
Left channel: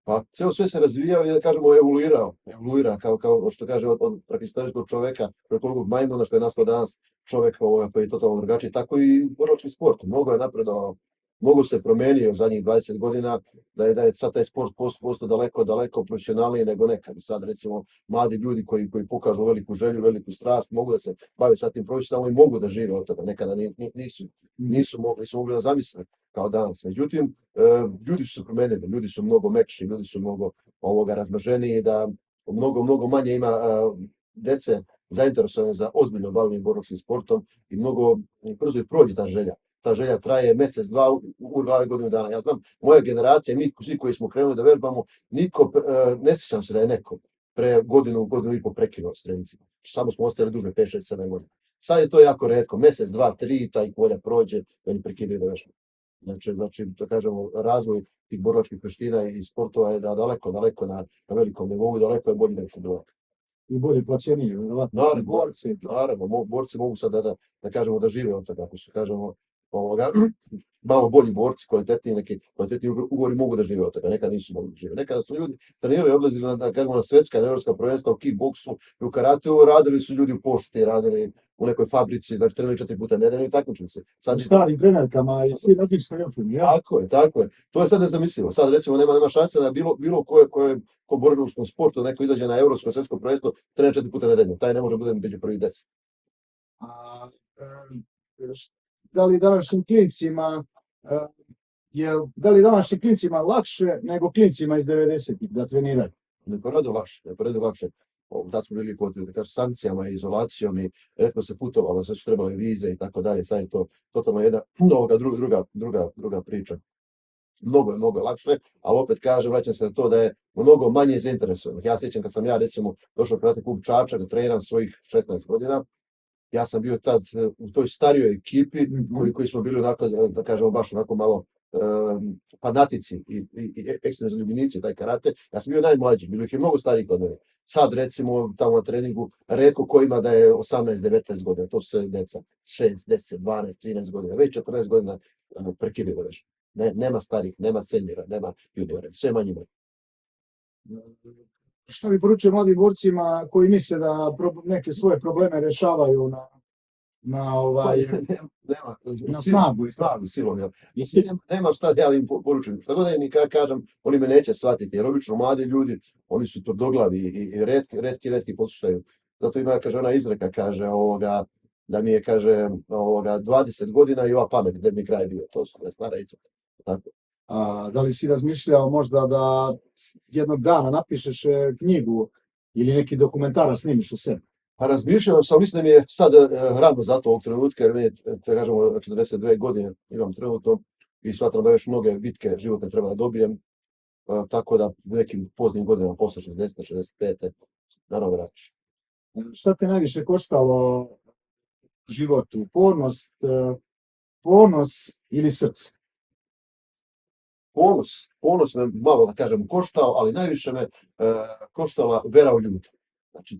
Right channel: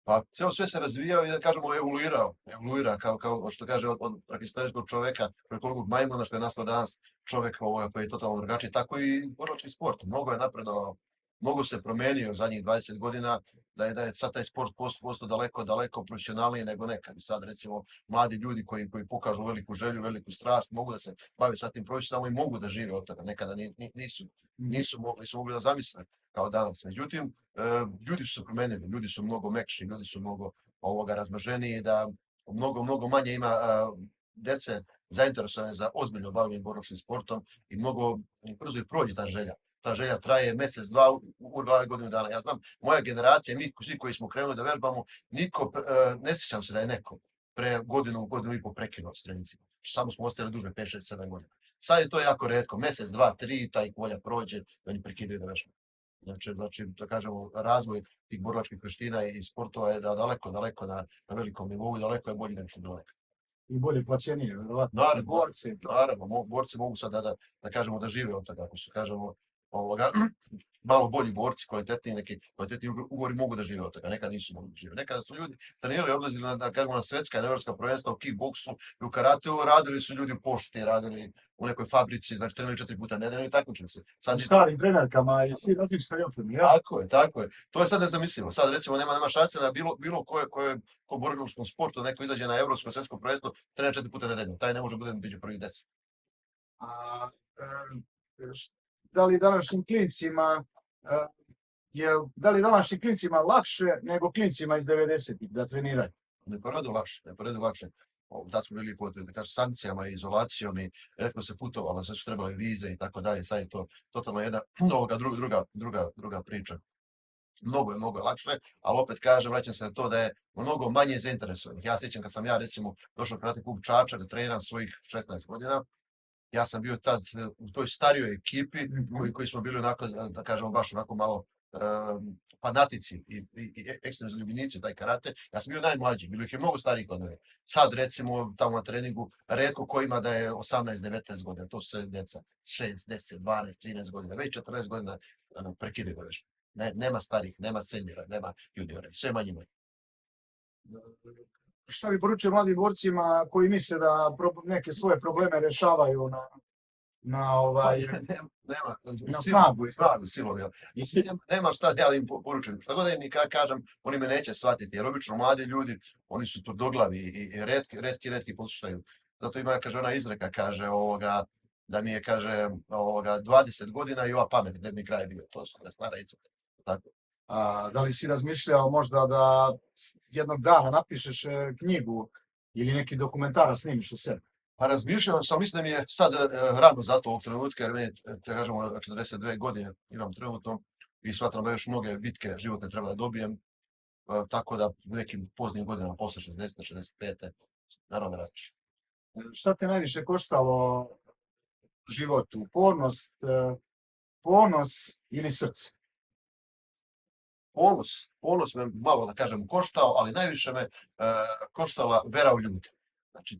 Pa cijelo sve se razvijao i da kažemo evoluira kao što kaže od prehistorijskog čoveka, preko majmuna što je nastao danas čovek koji je totalno drugačiji, tako i borilački sport. Mnogo je napredovao, mnogo se promenio zadnjih 20 godina, da je sad taj sport postao daleko profesionalniji nego nekad. I sad recimo mladi ljudi koji pokažu veliku želju, veliku strast, mogu da se bave sa tim profesionalno i mogu da žive od toga. Nekada nisu mogli da zamisle kao danas. Međutim, ljudi su se promenili, ljudi su mnogo mekši, ljudi su mnogo razmaženiji, da mnogo manje ima dece zainteresovane za ozbiljno bavljenje borilačkim sportom i mnogo brzo i prođe ta želja. Ta želja traje mjesec, 2, u glavi godinu dana. Ja znam, moja generacija, mi svi koji smo krenuli da vežbamo, ne sjećam se da je neko pre godinu i po prekinuo s trenicima. Samo smo ostali duže, 5, 6, 7 godina. Sad je to jako retko, mjesec, 2, 3, taj volja prođe, da oni prekidaju da vežbamo. Znači, da kažemo, razvoj tih borilačkih veština i sportova je daleko na velikom nivou i daleko je bolji nego što je bilo nekad. I bolje plaćenije, verovatno. Naravno, borci mogu sad da kažemo da žive od toga, ako su, kažemo, malo bolji borci, kvalitetni ugovori mogu da žive od toga, nekad nisu mogli da žive. Nekada su ljudi trenirali, odlazili na svetska i evropska prvenstva u kickboksu i u karateu, radili su ljudi u pošti, radili u nekoj fabrici, znači trenirali 4 puta nedeljno i takmičili se. U starim trenerkama i svi različitoj opremi, ja? Tako je. To je sad nezamislivo. Sad recimo nema šanse na bilo ko borilačkom sportu, neko izađe na evropsko svetsko prvenstvo, trenira 4 puta nedeljno. Taj ne može bude među prvih 10. Da li današnjim klincima lakše nego klincima iz 90-ih da treniraju? Ne poradu lakše. Tad smo bili pod sankcijama i izolacijom i retko se putovalo, sve su trebale vize i tako dalje. Sad je to totalno jedna druga priča. Mnogo je lakše, ali opet kažem, vraćam se na to da je mnogo manje zainteresovanih. Ja sjećam kad sam recimo došao u Karate klub Čačak da treniram svojih 16 godina, ja sam bio tad u toj starijoj ekipi koji smo bili onako, da kažemo, baš onako malo fanatici i ekstremni zaljubljenici taj karate. Ja sam bio najmlađi, bilo ih je mnogo starijih od mene. Sad recimo tamo na treningu retko ko ima da je 18-19 godina, to su sve deca 6, 10, 12, 13 godina, već 14 godina prekidaju da vežbaju. Nema starih, nema seniora, nema juniora, sve manje. Šta bi poručio mladim borcima koji misle da neke svoje probleme rješavaju na snagu? Silom. Nema šta ja im poručujem. Šta god da im kažem, oni me neće shvatiti. Jer obično mladi ljudi, oni su tvrdoglavi i retki poslušaju. Zato ima, kaže, ona izreka, kaže, da mi je, kaže, 20 godina i ova pamet, gdje bi kraj bio. To su stara izreka. Tako. Da li si razmišljao možda da jednog dana napišeš knjigu ili neki dokumentara snimiš o sebi? Pa razmišljao sam, mislim da mi je sad rano za to ovog trenutka, jer meni, da kažemo, 42 godine imam trenutno i smatram da još mnoge bitke životne treba da dobijem, tako da u nekim poznim godinama, posle 60. 65. naravno vraćaš. Šta te najviše koštalo životu? Ponos ili srce? Ponos me malo, da kažem, koštao, ali najviše me koštala vera u ljude. Znači,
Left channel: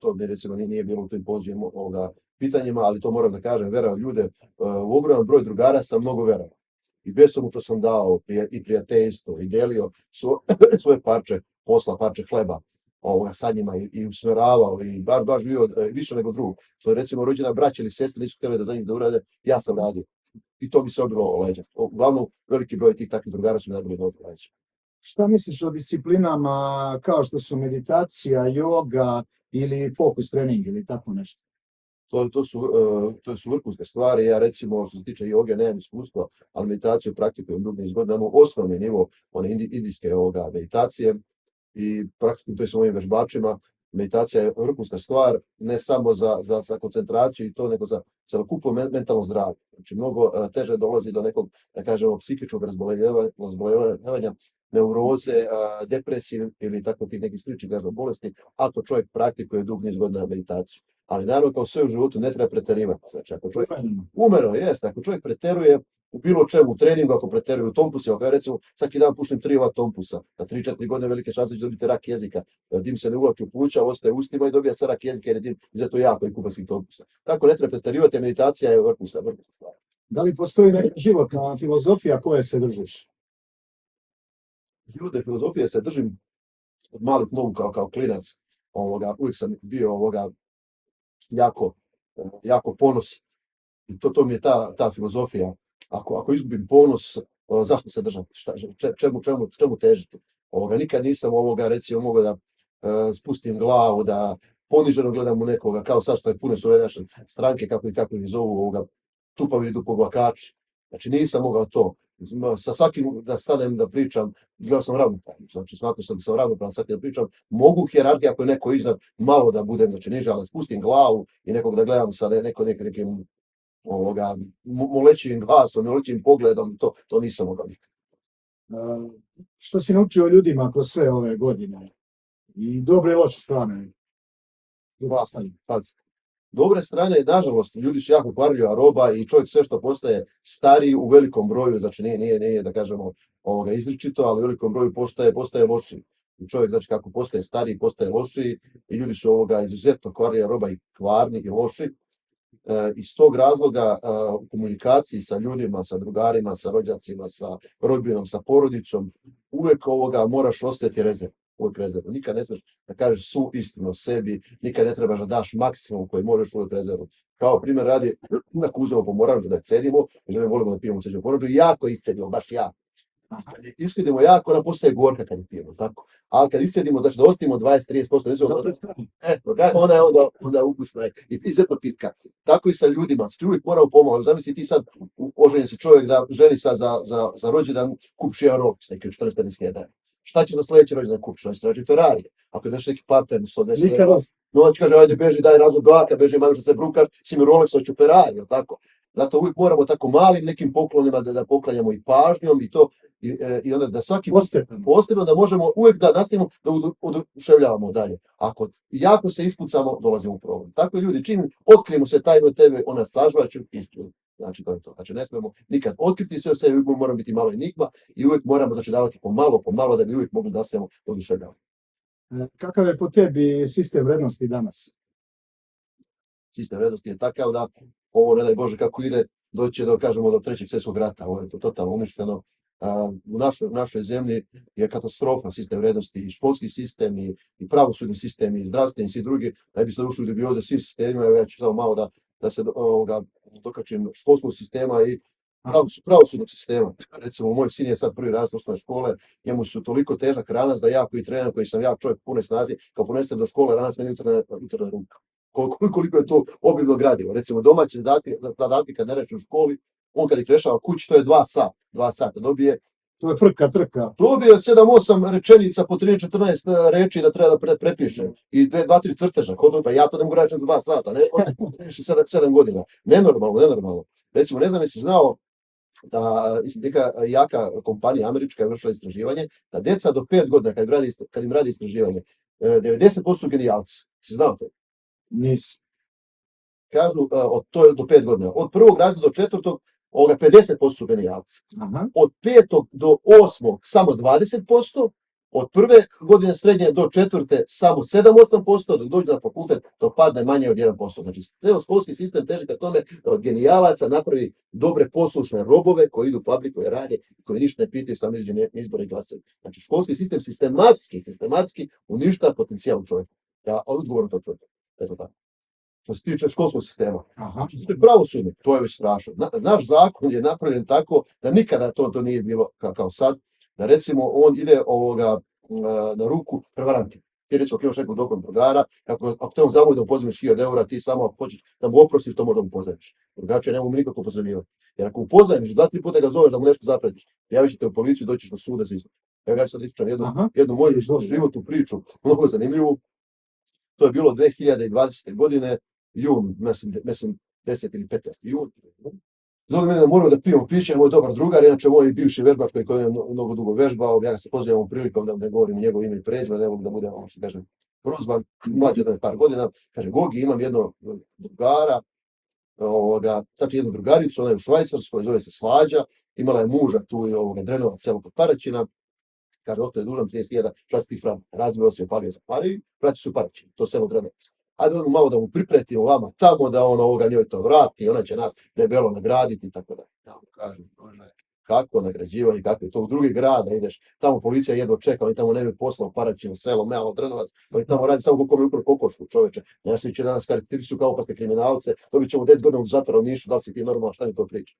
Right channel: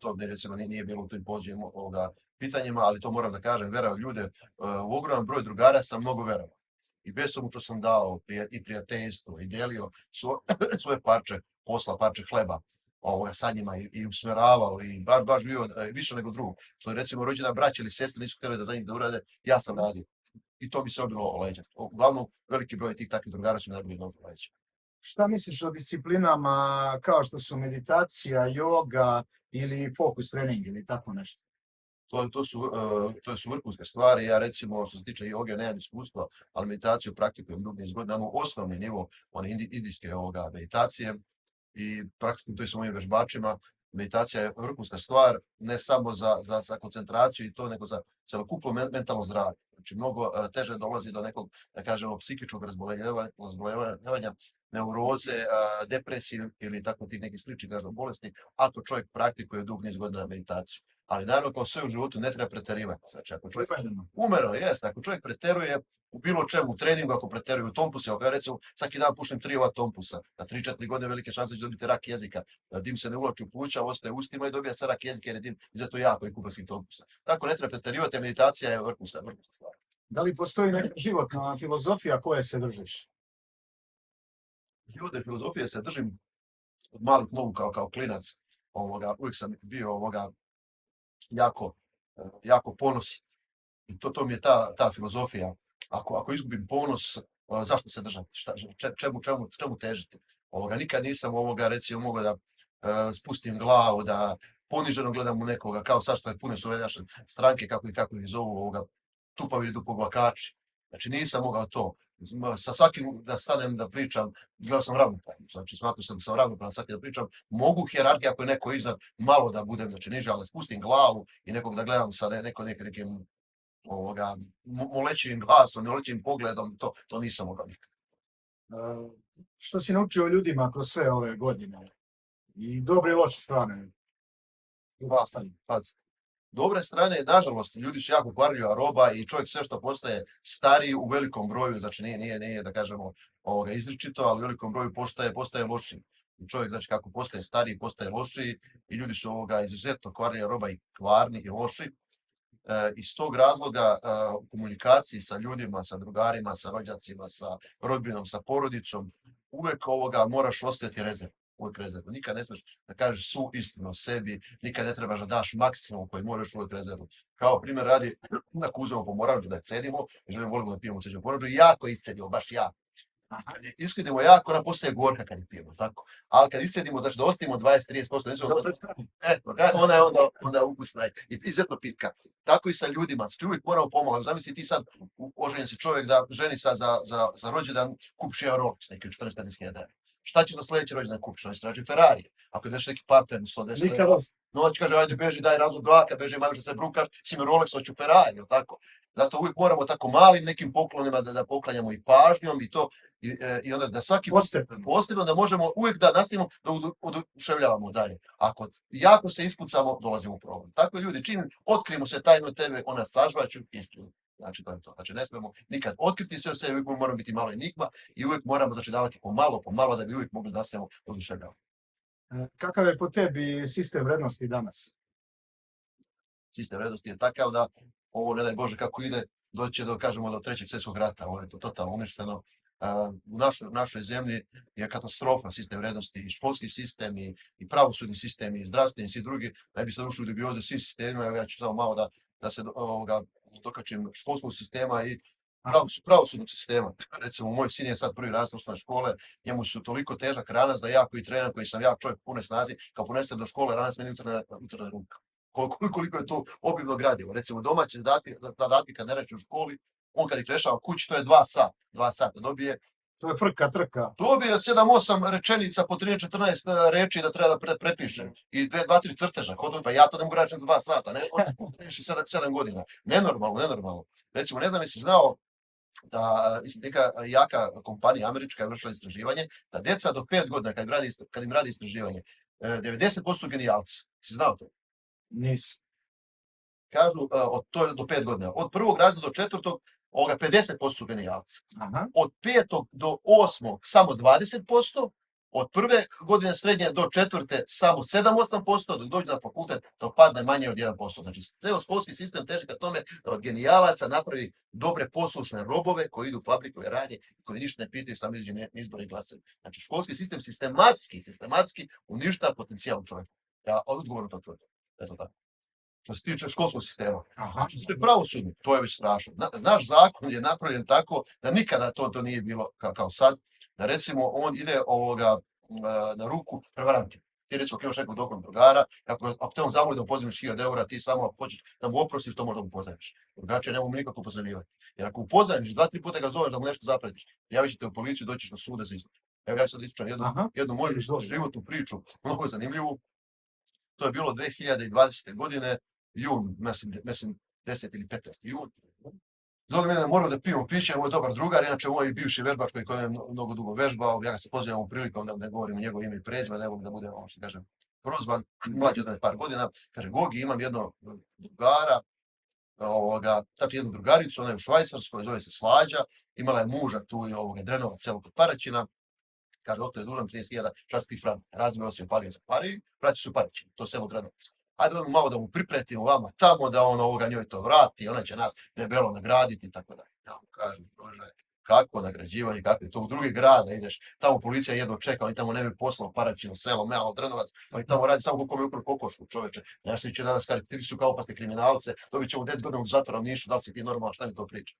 to recimo nije bilo u tim pođenim pitanjima, ali to moram da kažem, vera u ljude. U ogroman broj drugara sam mnogo verovao. I besomučno sam dao i prijateljstvo i delio svoje parče posla, parče hleba sa njima i usmeravao i baš bio više nego drugog. Što je recimo rođena braća ili sestre nisu htjeli da za njih da urade, ja sam radio. I to mi se obilo o leđa. Uglavnom, veliki broj tih takvih drugara su mi najbolji nož o leđa. Šta misliš o disciplinama kao što su meditacija, joga ili fokus trening ili tako nešto? To su vrhunske stvari. Ja recimo, što se tiče joge, nemam iskustva, ali meditaciju praktikujem dugi niz godina. Imamo osnovni nivo one indijske meditacije i praktikujem to i sa mojim vežbačima. meditacija je vrhunska stvar, ne samo za koncentraciju i to, nego za celokupno mentalno zdravlje. Znači, mnogo teže dolazi do nekog, da kažemo, psihičkog razboljevanja, neuroze, depresije ili tako tih nekih sličnih bolesti, ako čovjek praktikuje dug niz godina meditaciju. Ali naravno, kao sve u životu, ne treba preterivati. Znači, ako čovjek umjereno jeste, ako čovjek preteruje u bilo čemu, u treningu, ako preteruje u tompusima, kao recimo svaki dan pušim 3 tompusa, na 3-4 godine velike šanse da će dobiti rak jezika, dim se ne uvlači u pluća, ostaje u ustima i dobija se rak jezika jer je dim izuzetno jako i kupanskih tompusa. Tako ne treba preterivati, meditacija je vrhunska stvar. Da li postoji neka životna filozofija koje se držiš? Životne filozofije se držim od malih nogu kao klinac. Uvijek sam bio jako ponosan. I to mi je ta filozofija. Ako izgubim ponos, zašto se držati? Čemu težiti? Nikad nisam recimo mogao da spustim glavu, da poniženo gledam u nekoga, kao sad što je puno su ove naše stranke, kako ih zovu, tupavi dupoglakači. Znači nisam mogao to. Sa svakim da stanem da pričam, gledao sam ravnopravno. Znači smatram sam da sam ravnopravno sa svakim da pričam. Mogu hijerarhija ako je neko iznad, malo da budem, znači niže, ali da spustim glavu i nekog da gledam sa nekim molećivim glasom, molećivim pogledom, to nisam mogao nikad. Što si naučio ljudima kroz sve ove godine? I dobre i loše strane? Dobre strane, nažalost, ljudi su jako kvarljiva roba i čovjek sve što postaje stariji u velikom broju, znači nije da kažemo izričito, ali u velikom broju postaje lošiji. I čovjek, znači, kako postaje stariji, postaje lošiji i ljudi su izuzetno kvarljiva roba i kvarni i loši. Iz tog razloga u komunikaciji sa ljudima, sa drugarima, sa rođacima, sa rodbinom, sa porodicom, uvek moraš ostaviti rezervu. Uvijek rezervu. Nikad ne smiješ da kažeš svu istinu o sebi, nikad ne trebaš da daš maksimum koji možeš uvijek rezervu. Kao primjer radi, ako uzmemo pomoranđu da je cedimo, želimo volimo da pijemo ceđenu pomoranđu, jako iscedimo, baš jako. Kad je iscedimo jako, ona postaje gorka kad je pijemo, tako. Ali kad iscedimo, znači da ostavimo 20-30%, onda je ukusna i izuzetno pitka. Tako i sa ljudima, znači uvijek moramo pomalo. Zamisli ti sad, oženjen si čovjek da ženi sad za rođendan kupiš jedan Rolex, neki 40-50 hiljada. Šta će za sljedeći rođendan kupiš? Znači traži Ferrari. Ako ideš neki part-time, 110 Nikad. noć kaže, ajde beži, daj razvod braka, beži, imam što se brukaš, si mi Rolex, hoću Ferrari, jel tako? Zato uvijek moramo tako malim nekim poklonima da poklanjamo i pažnjom i to, i onda da svaki postepeno da možemo uvijek da nastavimo da oduševljavamo dalje. Ako jako se ispucamo, dolazimo u problem. Tako ljudi, čim otkrijemo se tajno tebe, ona sažvaću istu. Znači to je to. Znači ne smijemo nikad otkriti sve o sebi, uvijek moramo biti malo enigma i uvijek moramo davati pomalo da bi uvijek mogli da se oduševljavamo. Kakav je po tebi sistem vrednosti danas? Sistem vrednosti je takav da ovo, ne daj Bože kako ide, doći do 3. svjetskog rata. Ovo je to totalno uništeno. U našoj zemlji je katastrofa sistem vrednosti, i školski sistem, i pravosudni sistem, i zdravstveni, i svi drugi. Da bi se ušli u dubioze svim sistemima, ja ću samo malo da se dokačim školskog sistema i pravosudnog sistema. Recimo, moj sin je sad prvi razred osnovne škole, njemu su toliko težak ranac da ja koji trener, koji sam jak čovjek punoj snazi, kao ponesem do škole, ranac meni utrne ruka. Koliko je to obimno gradivo. Recimo, domaće zadatke kad ne reče u školi, on kad ih rešava kući, to je 2 sata. Dobije To je frka, trka. Dobio 7-8 rečenica po 13-14 reči da treba da prepiše. I 2-3 crteža. Pa ja to ne mogu reći 2 sata. Ne, 7 godina. Nenormalno. Recimo, ne znam jesi znao da neka jaka kompanija američka je vršila istraživanje, da deca do 5 godina kad im radi istraživanje, 90% genijalci. Si znao to? Nisam. Kažu, to je do 5 godina. Od 1. razreda do 4. 50% genijalci. Od 5. do 8. samo 20%, od 1. godine srednje do 4. samo 7-8%, dok dođe na fakultet to padne manje od 1%. Znači, ceo školski sistem teži ka tome da od genijalaca napravi dobre poslušne robove koji idu u fabriku i rade, koji ništa ne pitaju, samo izađe izbore i glasaju. Znači, školski sistem sistematski uništava potencijal čovjeka. Ja odgovorno to tvrdim. Eto tako. Što se tiče školskog sistema. Što se tiče pravosudnog, to je već strašno. Naš zakon je napravljen tako da nikada to nije bilo kao sad. Da recimo on ide na ruku prevarantima. Ti recimo imaš nekog dobrog drugara, ako te on zamoli da mu pozajmiš 1000 eura, ti samo ako hoćeš da mu oprostiš, to možda mu pozajmiš. Drugačije ne mogu nikako pozajmljivati. Jer ako mu pozajmiš, 2-3 puta ga zoveš da mu nešto zapretiš, javit ćete u policiju, doćiš do suda za izvod. Ja sad ispričam jednu moju životnu priču, mnogo zanimljivu. to je bilo 2020. godine, jun, mislim 10 ili 15. jun. Zove mene da moramo da pijemo piće, moj dobar drugar, inače moj bivši vežbač koji je mnogo dugo vežbao, ja ga se pozivam ovom prilikom da ne govorim njegovo ime i prezime, ne mogu da budem, što kažem, prozvan, mlađi od mene par godina, kaže, Gogi, imam jednog drugara, znači jednu drugaricu, ona je u Švajcarskoj, zove se Slađa, imala je muža tu i Drenovac, selo kod Paraćina, kaže, doktor je dužan 31 švajcarskih franaka, razbio se, opalio za Pariju, vrati se u Paraćin, to selo Drenovac. Ajde malo da mu pripretimo vama tamo, da on njoj to vrati, ona će nas debelo nagraditi i tako da. Ja mu kažem, Bože, kako nagrađivanje, kako je to u drugi grada ideš, tamo policija jedva čeka, oni tamo nemaju posla u Paraćinu, selo, malo Drenovac, oni tamo radi samo kako mi ukro kokošku, čoveče. Znaš, će danas karakteristiku kao opasne kriminalce, dobit ćemo 10 godina u zatvora u Nišu, da li si ti normalno, šta mi to priča?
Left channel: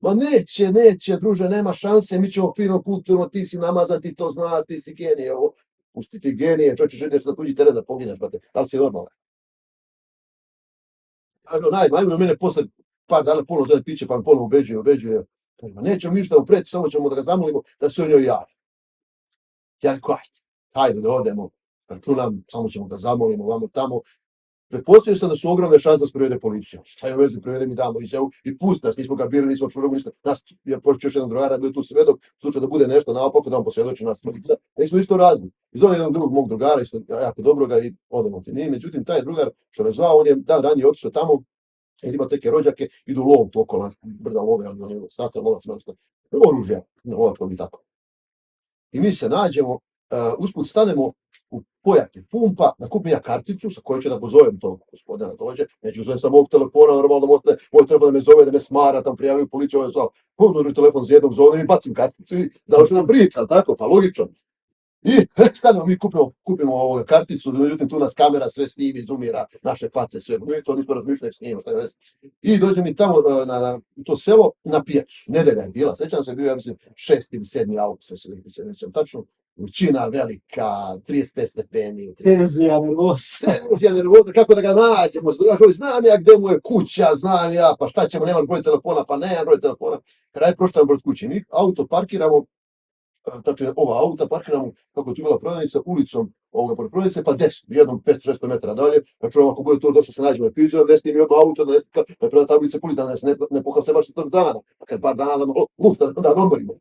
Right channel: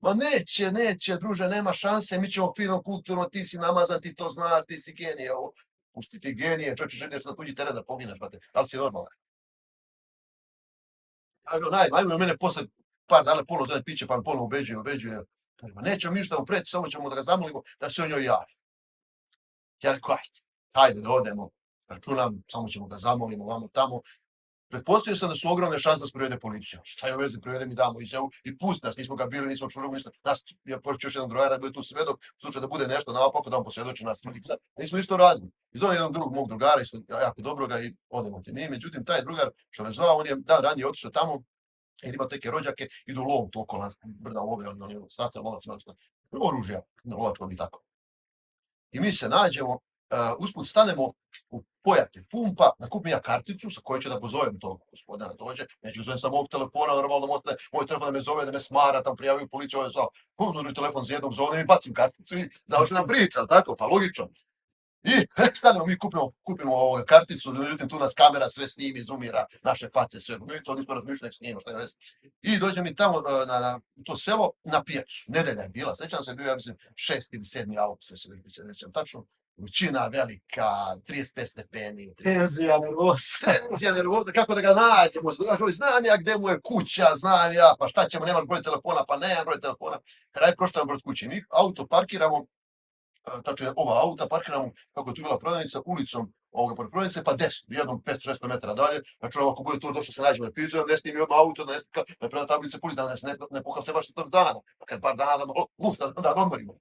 Ma neće, druže, nema šanse, mi ćemo fino, kulturno, ti si namazan, ti to znaš, ti si genije, pusti ti genije, čovječe, želiš na tuđi teren da poginaš, brate, da li si normalan? Ajmo mene posle par dana ponovno zove piće, pa me ponovno ubeđuje. Kaže, nećemo ništa upreti, samo ćemo da ga zamolimo da se o njoj javi. Ja rekao, ajde da odemo, računam, samo ćemo da zamolimo, vamo tamo. Pretpostavio sam da su ogromne šanse da se privede policiju. Šta je u vezi, privede mi damo izjavu i pusti nas, nismo ga bili, nismo čuli, ništa. Nas, ja počeo još jedan drugar da bude tu svedok, u slučaju da bude nešto naopako, da on posvjedoči nas trojica. Nismo isto radili. I zove jedan drugog mog drugara, isto jako dobroga i odemo ti mi. Međutim, taj drugar što me zvao, on je dan ranije otišao tamo, jer ima neke rođake, idu u lov tu okolo brda love, on je sastav lovac, oružja, lovačko bi tako. I mi se nađemo, usput stanemo u Pojate pumpa, da kupim ja karticu sa kojoj ću da pozovem tog gospodina dođe, neću zovem sa mog telefona, normalno da moj telefon da me zove, da me smara, tam prijavio policiju, ovo je zvao, ponudri telefon za jednog zovem i bacim karticu i završena priča, tako, pa logično. I stanemo, mi kupimo karticu, međutim tu nas kamera sve snimi, zoomira, naše face sve, mi to nismo razmišljali, snimimo, šta je veze. I dođe mi tamo na to selo, na pijacu, nedelja je bila, sećam se, bio ja mislim 6. ili 7. august, se nećem tačno, vrućina velika, 35 stepeni. Tenzija, nervoza, kako da ga nađemo, znam ja gde mu je kuća, znam ja, pa šta ćemo, nemaš broj telefona, pa nemam broj telefona, kraj proštam broj kuće, mi auto parkiramo, tačno ova auta parkiramo, kako je tu bila prodavnica, ulicom pored prodavnice, pa desno, jednom 500-600 metara dalje, računamo ako bude to došlo se nađemo na pizu, ne snimi jedno auto, da preda tablice policije, da ne pohapse baš tog dana, pa kad par dana da odmorimo.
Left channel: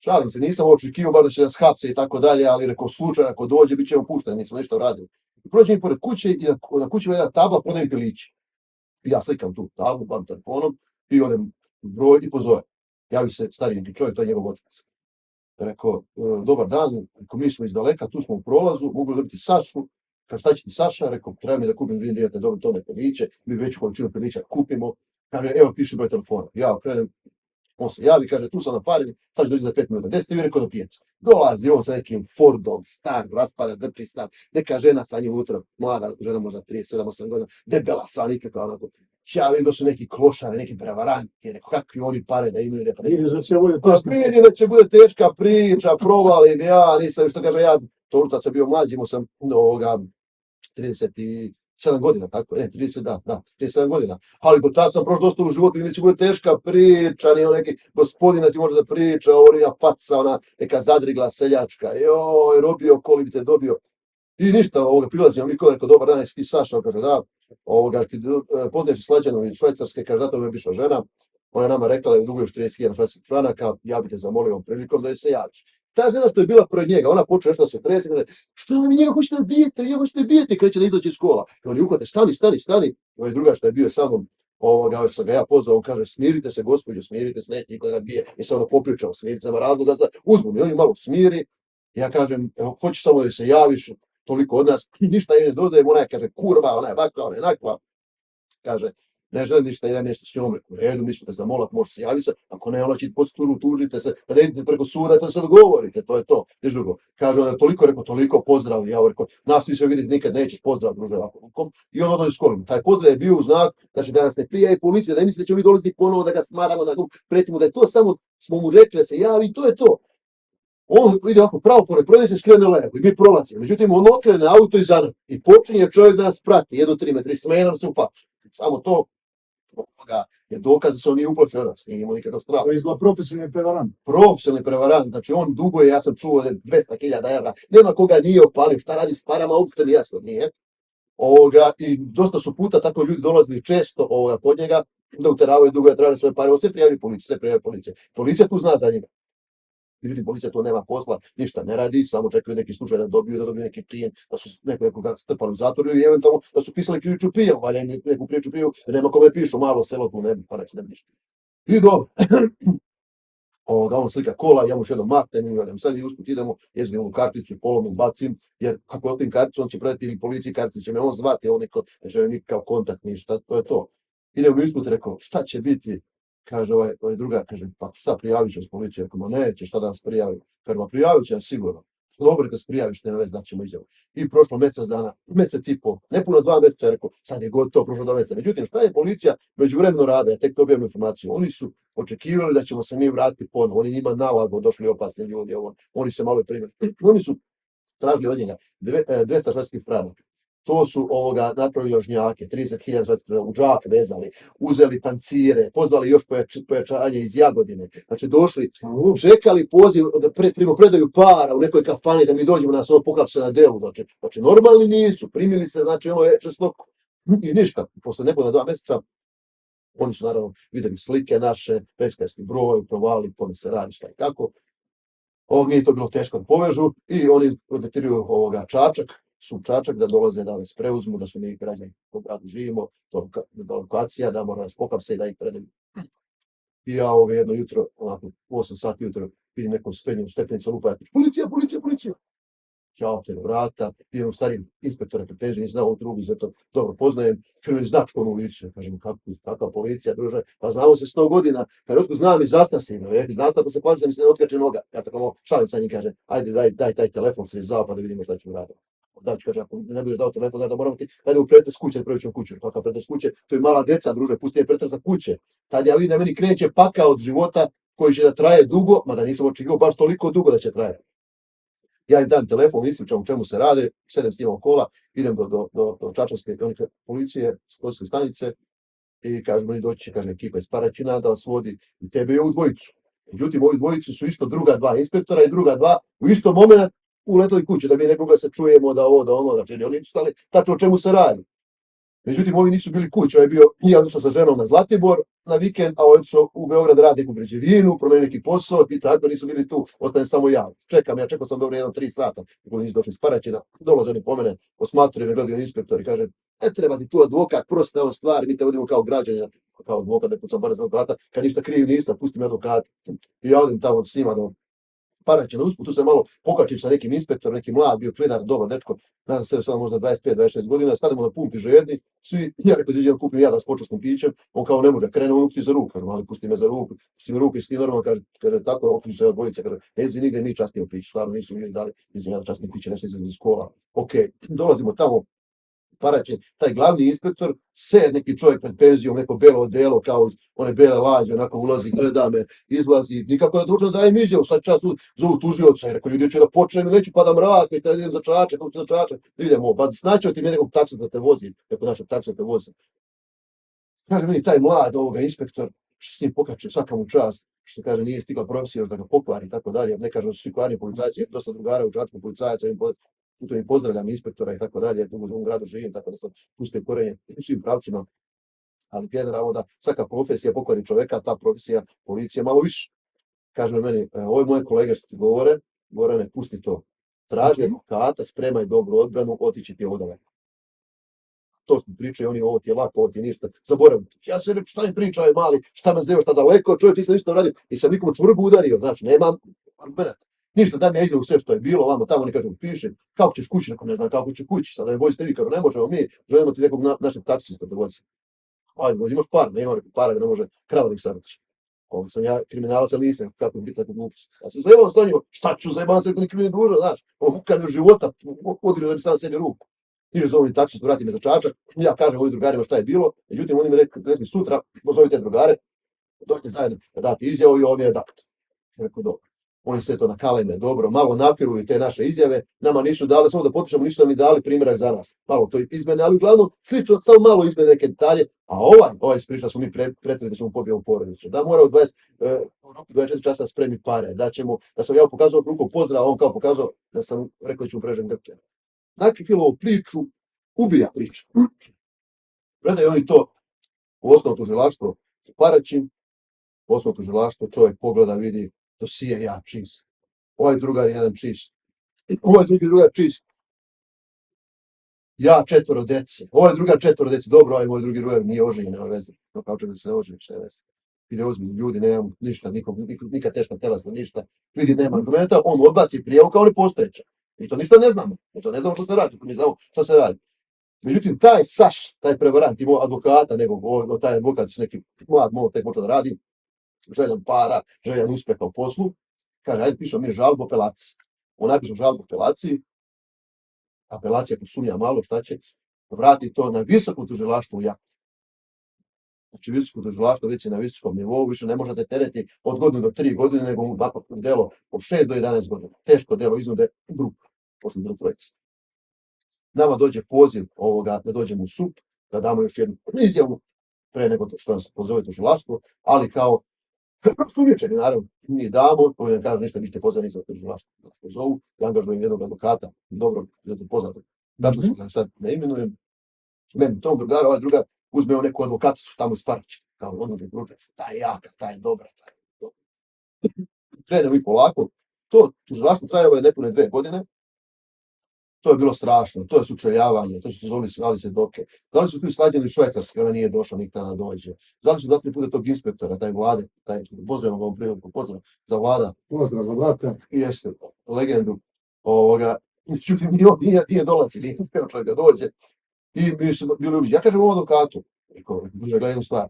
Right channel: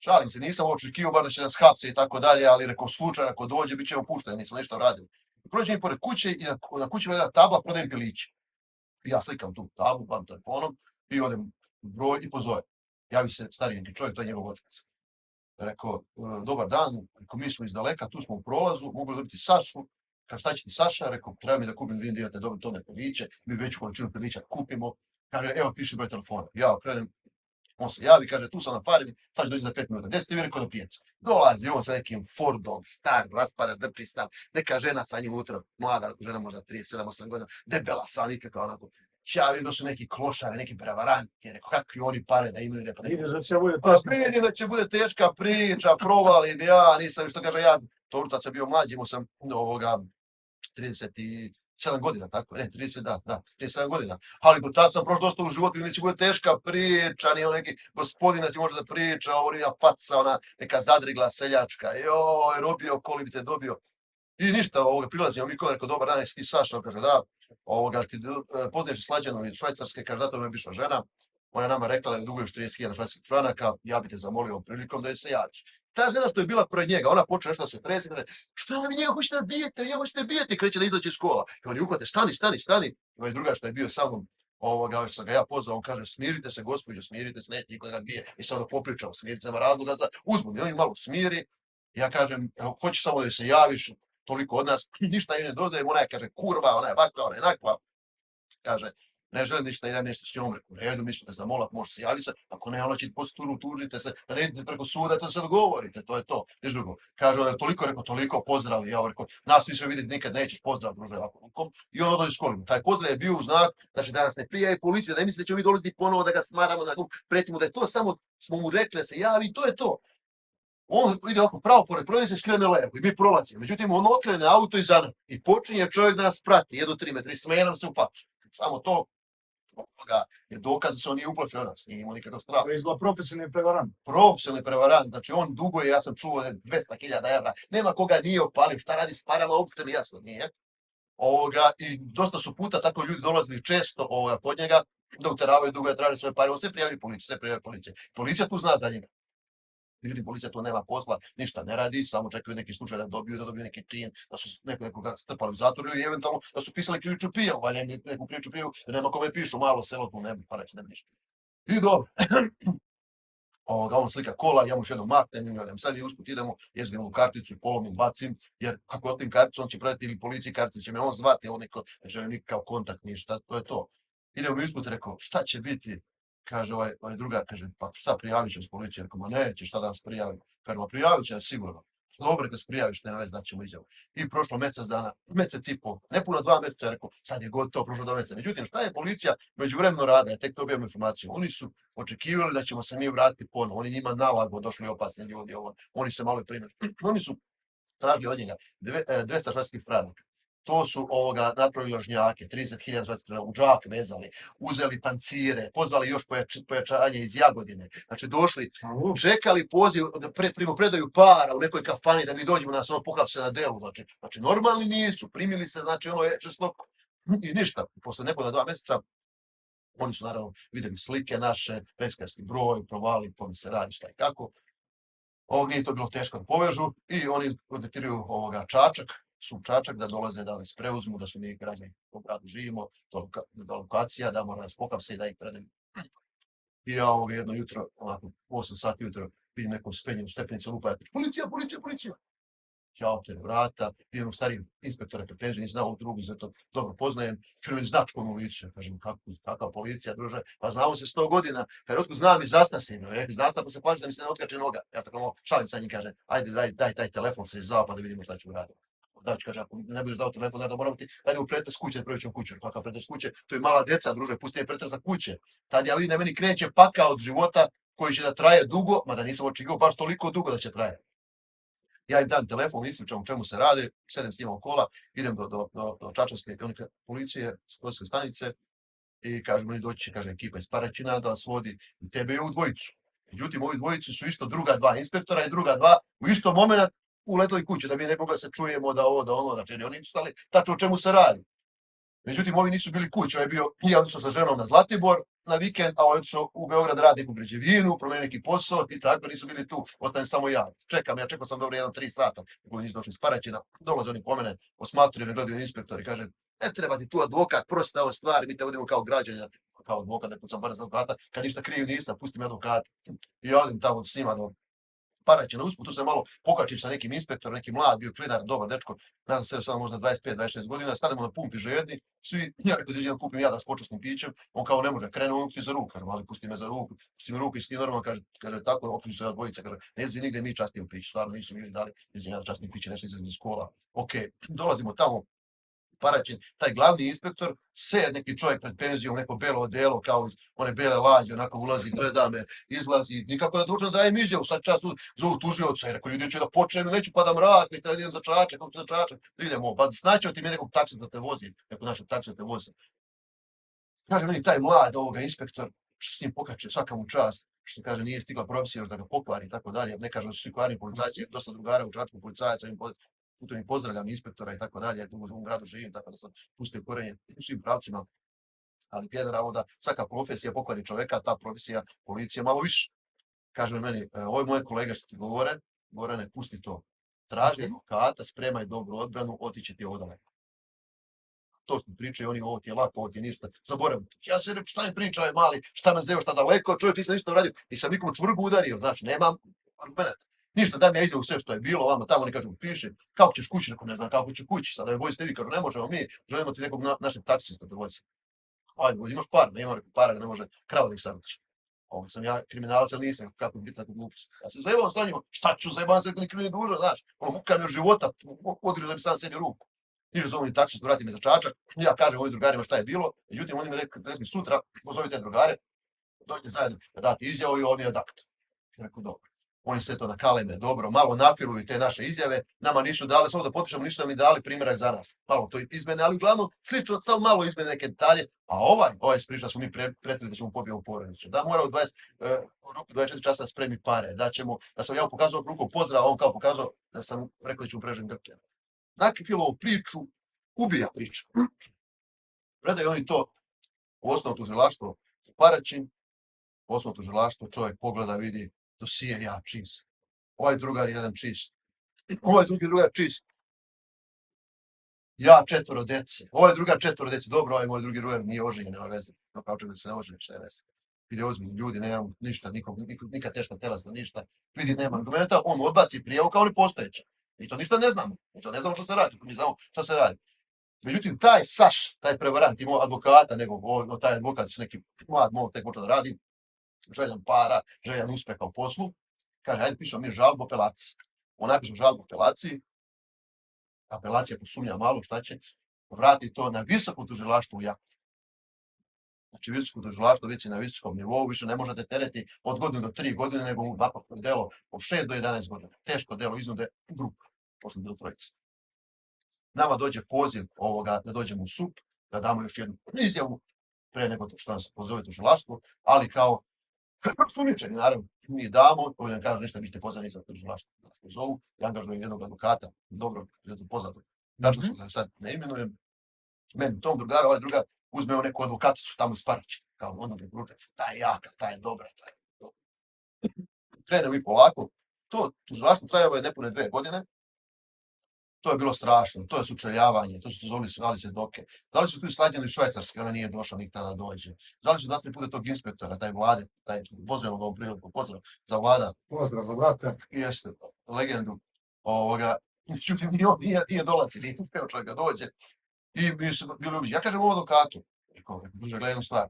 Šalim se, nisam očekivao bar da će nas hapse i tako dalje, ali rekao slučajno ako dođe, bit ćemo pušteni, nismo ništa uradili. Prođem i pored kuće i na kući je jedna tabla, prodajem piliće. I ja slikam tu tablu, bavim telefonom i odem broj i pozovem. Javi se stari neki čovjek, to je njegov otac. Rekao, dobar dan, rekao, mi smo iz daleka, tu smo u prolazu, mogu dobiti Sašu. Kaže, šta će ti Saša? Rekao, treba mi da kupim, vidim da imate dobro tone piliće, mi veću količinu pilića kupimo. Kaže, evo, piše broj telefona. Ja okrenem, on se javi, kaže, tu sam na farmi, sad će dođi za 5 minuta. 10 mi rekao na pijacu. Dolazi on sa nekim Fordom, star, raspada, drči stav, neka žena sa njim unutra, mlada žena možda 37-8 godina, debela sa nikakva onako. Ja vidim da su neki klošari, neki prevaranti, rekao, kakvi oni pare da imaju. Vidim da će bude teška priča, provalim ja, nisam, što kaže, ja, to sam bio mlađi, imao sam 37 godina, tako, 37 godina, ali do tada sam prošlo dosta u životu i neće bude teška priča, nije neki gospodin da ti može da priča, ovo faca, ona neka zadrigla seljačka, joj, robio, kolibice dobio. I ništa, prilazimo mi kod, rekao, dobar dan, jesi ti Saša, kaže, da, ti poznaješ Slađanu iz Švajcarske, kaže, zato mi je bivša žena, ona je nama rekla da je duguješ 30.000 švajcarskih franaka, ja bi te zamolio ovom prilikom da je se javiš. Ta žena što je bila pred njega, ona počne nešto da se trese, kaže, što vi njega hoćete da bijete, kreće da izlači iz škola. I oni uhvate, stani. I ovaj druga što je bio sa mnom, što sam ga ja pozvao, on kaže, smirite se, gospođo, smirite se, neće niko da ga bije. I se ono popričao, smirite se, ima razloga za uzbunu. I on ju malo smiri, ja kažem, hoćeš samo da se javiš, toliko od nas, ništa je ne dodajem, ona je, kaže, kurva, ona je vakva, ona je nakva. Kaže, ne želim ništa, idem nešto s njom, u redu, mi smo te zamolat, može se javiti se, ako ne, ona će posturu, tužite se, kada idete preko suda, to se dogovorite, to je to, niš drugo. Kaže, ona je toliko pozdrav, ja rekao, nas više vidjeti nikad nećeš, pozdrav, druže, ovako rukom, i on odlazi s kolima. Taj pozdrav je bio u znak, znači da nas ne prijavi policija, da ne misli da ćemo mi dolaziti ponovo, da ga smaramo, da ga pretimo, da je to samo, smo mu rekli da se javi, to je to. On ide ovako pravo pored prodavnice, skrene levo i mi prolazimo. Međutim, on okrene auto iza nas i počinje čovjek da nas prati, 1-3 metra i smeje nam se u facu. Samo to je dokaz da se on nije uplašio nas, nije imao nikakav strah. To je izgleda profesionalni prevarant. Profesionalni prevarant, znači on duguje, ja sam čuo 200.000 evra, nema koga nije opalio, šta radi s parama, uopšte mi jasno nije. I dosta su puta tako ljudi dolazili često kod njega da uteravaju dugo, traže svoje pare, on sve prijavili policiji, sve prijavili policija. Policija tu zna za njega. Međutim, policija tu nema posla, ništa ne radi, samo čekaju neki slučaj da dobiju neki čin, da su nekoga strpali u zatvor ili eventualno da su pisali krivičnu prijavu, valja im neku krivičnu prijavu, jer nema kome pišu, malo selo tu ne bi, pa reći ne bi ništa. I dobro. On slika kola, ja mu još jednom maknem i odem. Sad mi usput idemo, jezdim u karticu, polomim, bacim, jer ako otim karticu, on će predati ili policiji karticu, će me on zvati, on ne želi nikakav kontakt, ništa, to je to. Idemo mi usput, rekao, šta će biti? Kaže ovaj drugar, kaže, pa šta prijavit će s policije? Rekao, ma neće, šta da nas prijavi? Kaže, ma prijavit će nas sigurno. Dobro, kad se prijaviš, nema veze, daćemo izjavu. I prošlo mjesec dana, mjesec i pol, ne puno 2 mjeseca, rekao, sad je gotovo, prošlo 2 mjeseca. Međutim, šta je policija međuvremeno radila? Ja tek dobijem informaciju. Oni su očekivali da ćemo se mi vratiti ponovo. Oni njima nalago došli opasni ljudi, oni se malo primili. Oni su tražili od njega 200 švedskih franaka. To su napravili ložnjake, 30.000 švedskih u džak vezali, uzeli pancire, pozvali još pojačanje iz Jagodine. Znači došli, čekali poziv da primopredaju para u nekoj kafani da mi dođemo da nas pohapse na delu. Znači normalni nisu, primili se, znači čestoko i ništa. Posle nepuna 2 mjeseca oni su naravno vidjeli slike naše, predskrajski broj, provali, kome se radi, šta i kako. Nije to bilo teško da povežu i oni kontaktiraju Čačak da dolaze da nas preuzmu, da su mi građani u gradu živimo, da lokacija, da mora nas pohapse i da ih predaju. I ja jedno jutro, ovako, u 8 sati jutro, vidim nekom spenjenu stepenicu lupa, policija. Ja otvorim vrata, idem u stari inspektora pretenziju, nisam znao ovu drugu, zato dobro poznajem, krenu značku u licu, kažem, kakva policija, druže, pa znamo se 100 godina, kad otkud znam i zasnasim, zasna pa se plaći da mi se ne otkače noga, ja sam kao šalim sa njim, kaže, ajde daj taj telefon, se zvao pa da vidimo šta ću raditi. Znači, kaže, ako ne budeš dao telefon, znači da moramo ti, ajde u pretres kuće, prvi ćemo kuću, kakav pretres kuće, to je mala deca, druže, pusti je pretres za kuće. Tad ja vidim da meni kreće paka od života koji će da traje dugo, mada nisam očekivao baš toliko dugo da će trajati. Ja im dam telefon, ispričam o čemu se rade, sedem s njima u kola, idem do Čačanske policije, policijske stanice i kažem, oni doći će, kaže, ekipa iz Paraćina da vas vodi i tebe i ovu dvojicu. Međutim, ovi dvojicu su isto druga 2 inspektora i druga 2 u istom momentu uletali kuće, da mi ne mogli da se čujemo, da ovo, da ono, znači oni su stali tačno o čemu se radi. Međutim, ovi nisu bili kući, ovaj je bio, ja otišao sa ženom na Zlatibor na vikend, a ovaj je otišao u Beograd radi neku građevinu, promenio neki posao i tako, nisu bili tu, ostajem samo ja. Čekao sam dobro 1-3 sata, kako nisu došli iz Paraćina, dolaze oni po mene, osmatruju me, gledaju inspektor i kaže, ne treba ti tu advokat, prosti ove stvari, mi te vodimo kao građanina, kao advokat, ne pucam bar za advokata, kad ništa kriv nisam, pusti me advokata. I ja odim tamo s njima do Paraćina, usput, tu se malo pokačim sa nekim inspektorom, neki mlad, bio klinar, dobar dečko, nadam se sada možda 25-26 godina, stanemo na pumpi žedni, svi, ja rekao da kupim ja da s počasnim pićem, on kao ne može, krene on ti za ruku, ali pusti me za ruku, pusti me ruku i sti normalno, kaže tako, otkuđu se od dvojice, kaže, ne znam nigde mi častnije pić, stvarno nisu bili dali, mislim ja da častnije piće, nešto iz škola. Ok, dolazimo tamo, Paraćin, taj glavni inspektor, sed neki čovjek pred penzijom, neko belo odelo, kao iz one bele lađe, onako ulazi, gleda me, izlazi, nikako da dođem da dajem izjavu, sad čas zovu tužioca, i rekao, ljudi će da počnem, neću pa da mrak, i idem za Čačak, idemo, pa snaćeo ti mi nekog taksa da te vozi, neko naša taksa da te vozi. Kaže meni taj mlad inspektor, s njim pokače svaka mu čast, što kaže nije stigla profesija još da ga pokvari i tako dalje, ne kažem da su svi kvarni policajci, dosta drugara u Čačku policajaca, putem i pozdravljam inspektora i tako dalje, dugo u ovom gradu živim, tako da sam pustio korenje u svim pravcima, ali generalno da svaka profesija pokvari čoveka, ta profesija policije malo više. Kaže meni, ove moje kolege što ti govore, Gorane, pusti to, traži advokata, spremaj dobru odbranu, otići ti ovo daleko. To smo pričaju, oni ovo ti je lako, ovo ti je ništa, zaboravim. Ja se rekao, šta mi pričaju mali, šta me zeo, šta daleko, čovječ nisam ništa uradio i sam nikom čvrgu udario, znači, nemam argumenta. Ništa, daj mi ja izjavu sve što je bilo, vama tamo oni kažu, piši, kako ćeš kući, ne znam kako ću kući, sad da me vozite vi, kažu, ne možemo mi, želimo ti nekog našeg taksista da vozi. Ajde, imaš par, nema nekog para, da ne može krava da ih savrati. Ovo sam ja kriminalac, ali nisam, kako je biti nekog glupost. Ja sam zajebao s njima, šta ću zajebao se ni krimin duža, znaš, muka mi u života, odirio da bi sam sebi ruku. Niže zovem taksist, vrati me za Čačak, ja kažem ovim drugarima šta je bilo, međutim oni mi rekli sutra, pozovite drugare, dođite zajedno da date izjavu i on je adakt. Rekao, dobro. Oni sve to nakaleme, dobro, malo nafiruju te naše izjave, nama nisu dali, samo da potpišemo, nisu nam ni dali primjerak za nas. Malo to izmene, ali uglavnom slično, samo malo izmene neke detalje, a ovaj priča smo mi pretvrli da ćemo pobijemo porodicu. Da mora u 24 časa spremi pare, da sam ja pokazao ruku pozdrav, on kao pokazao da sam rekao da ću prežem grke. Nakon filovu priču, ubija priča. Predaju oni to u osnovno tužilaštvo u Paraćin, u osnovno tužilaštvo, čovjek pogleda, vidi dosije, ja čist. Ovaj drugar jedan čist. Ovaj drugar čist. Ja 4 dece. Ovaj drugar 4 dece. Dobro, ovaj moj drugi drugar nije oženjen, nema veze. No kao čovjek da se ne oženi, šta je veze. Vidi ozbiljni ljudi, nemamo ništa, nikad teška telesna, ništa. Vidi, nema argumenta, on odbaci prijavu kao nepostojeća. Mi to ništa ne znamo. Mi to ne znamo što se radi. Mi znamo što se radi. Međutim, taj Saš, taj prevarant, imao advokata, nego taj advokat, neki mlad, tek počeo da radi, željan para, željan uspeha u poslu, kaže, ajde pišemo mi žalbu apelaciji. On napiše žalbu apelaciji, apelacija posumnja malo, šta će, vrati to na visoko tužilaštvo u Jakovini. Znači, visoko tužilaštvo već je na visokom nivou, više ne možete tereti od godine do 3 godine, nego mu delo od 6 do 11 godina. Teško delo iznude grupu, posle bilo trojice. Nama dođe poziv ovoga da dođemo u SUP, da damo još jednu izjavu pre nego što nas pozove tužilaštvo, ali kao sumnjičeni, naravno, mi damo, koji nam kaže ništa, vi ste pozvani za tužilaštvo da nas pozovu, ja angažujem jednog advokata, dobro, zato poznato, tačno su ga sad ne imenujem, meni tom drugar, ovaj drugar uzme neku advokaticu tamo iz Paraća, kao ono mi prute, ta je jaka, ta je dobra, ta je dobra. Krenemo i polako, to tužilaštvo trajalo je nepune 2 godine, to je bilo strašno, to je sučeljavanje, to su zvali svedoke. Zvali su tu i Slađanu iz Švajcarske, ona nije došla nikada da dođe. Zvali su 2-3 puta tog inspektora, taj Vlade, pozdravimo ga ovom priliku, pozdrav za Vlada. Pozdrav za Vlada. Jeste, legendu. Međutim, nije dolazi, nije čovjek da dođe. I mi su bili ubiđeni. Ja kažem ovom advokatu, gledaj jednu stvar,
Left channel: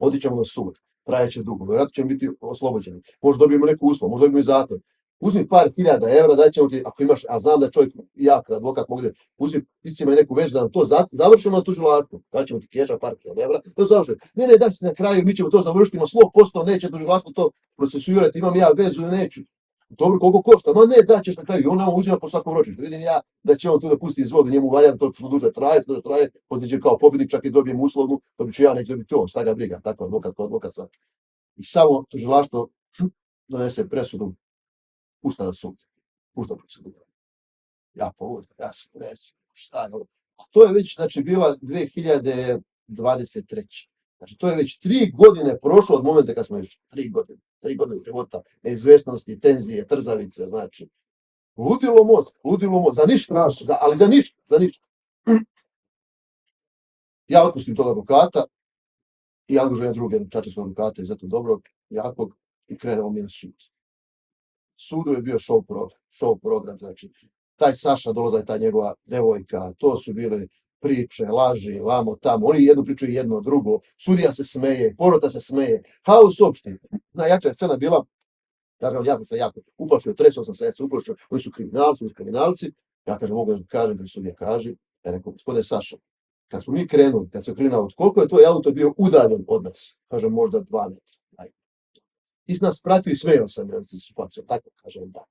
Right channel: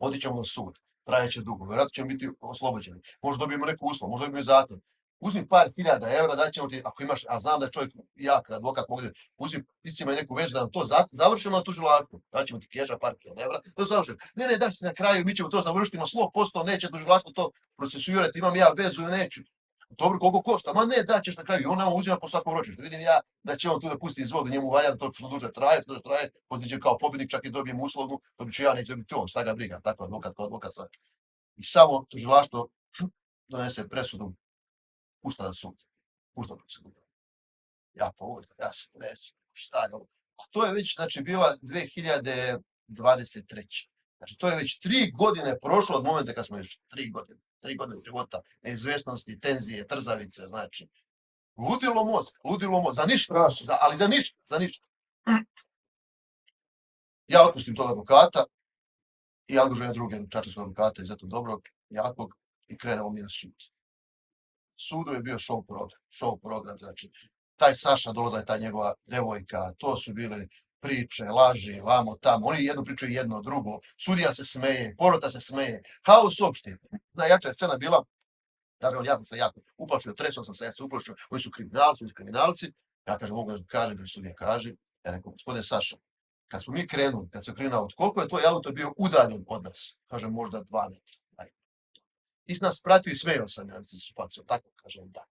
otićemo na sud, trajeće dugo, vjerojatno ćemo biti oslobođeni. Možda dobijemo neku uslov, možda dobijemo i zatvor. Uzmi par hiljada evra, daćemo ti, ako imaš, a znam da je čovjek jak, advokat mogu da, uzmi piscima i neku vezu da nam to završimo na tužilaštvu, daćemo ti keša par hiljada evra, to završimo. Ne, daj se na kraju, mi ćemo to završiti, ima 100%, neće tužilaštvo to procesuirati, imam ja vezu ili neću. Dobro, koliko košta? Ma ne, daćeš na kraju i on nama uzima po svakom ročištu. Vidim ja da će on tu da pusti iz vode, njemu valja da to što duže traje, poslije kao pobjednik, čak i dobijem uslovnu, dobit ću ja, neće dobiti on, šta ga briga, tako advokat svaki. I samo tužilaštvo donese presudu, pušta na sud, pušta procedura. Ja povodim, ja se tresim, šta je ovo? A to je već, znači, bila 2023. Znači, to je već 3 godine prošlo od momenta kad smo još 3 godine života, neizvesnosti, tenzije, trzavice, znači, ludilo mozak, za ništa, ali za ništa. Ja otpustim tog advokata i angažujem drugog čačanskog advokata, izuzetno dobrog, jakog, i krenemo mi na sud. Sudu je bio show program, znači, taj Saša dolaza i ta njegova devojka, to su bile priče, laži, vamo, tamo, oni jednu priču i jedno drugo, sudija se smeje, porota se smeje, haos uopšte. Najjača je scena bila, kažem, ja sam se jako uplašio, tresao sam se, ja se uplašio, oni su kriminalci, ja kažem, mogu da kažem, jer sudija kaže, ja rekao, gospodine Saša, kad smo mi krenuli, kad se krenuli, koliko je tvoj auto bio udaljen od nas? Kažem, možda 2 metra. Ti si nas pratio i smeo sam, ja sam se uplašio, tako kažem, da.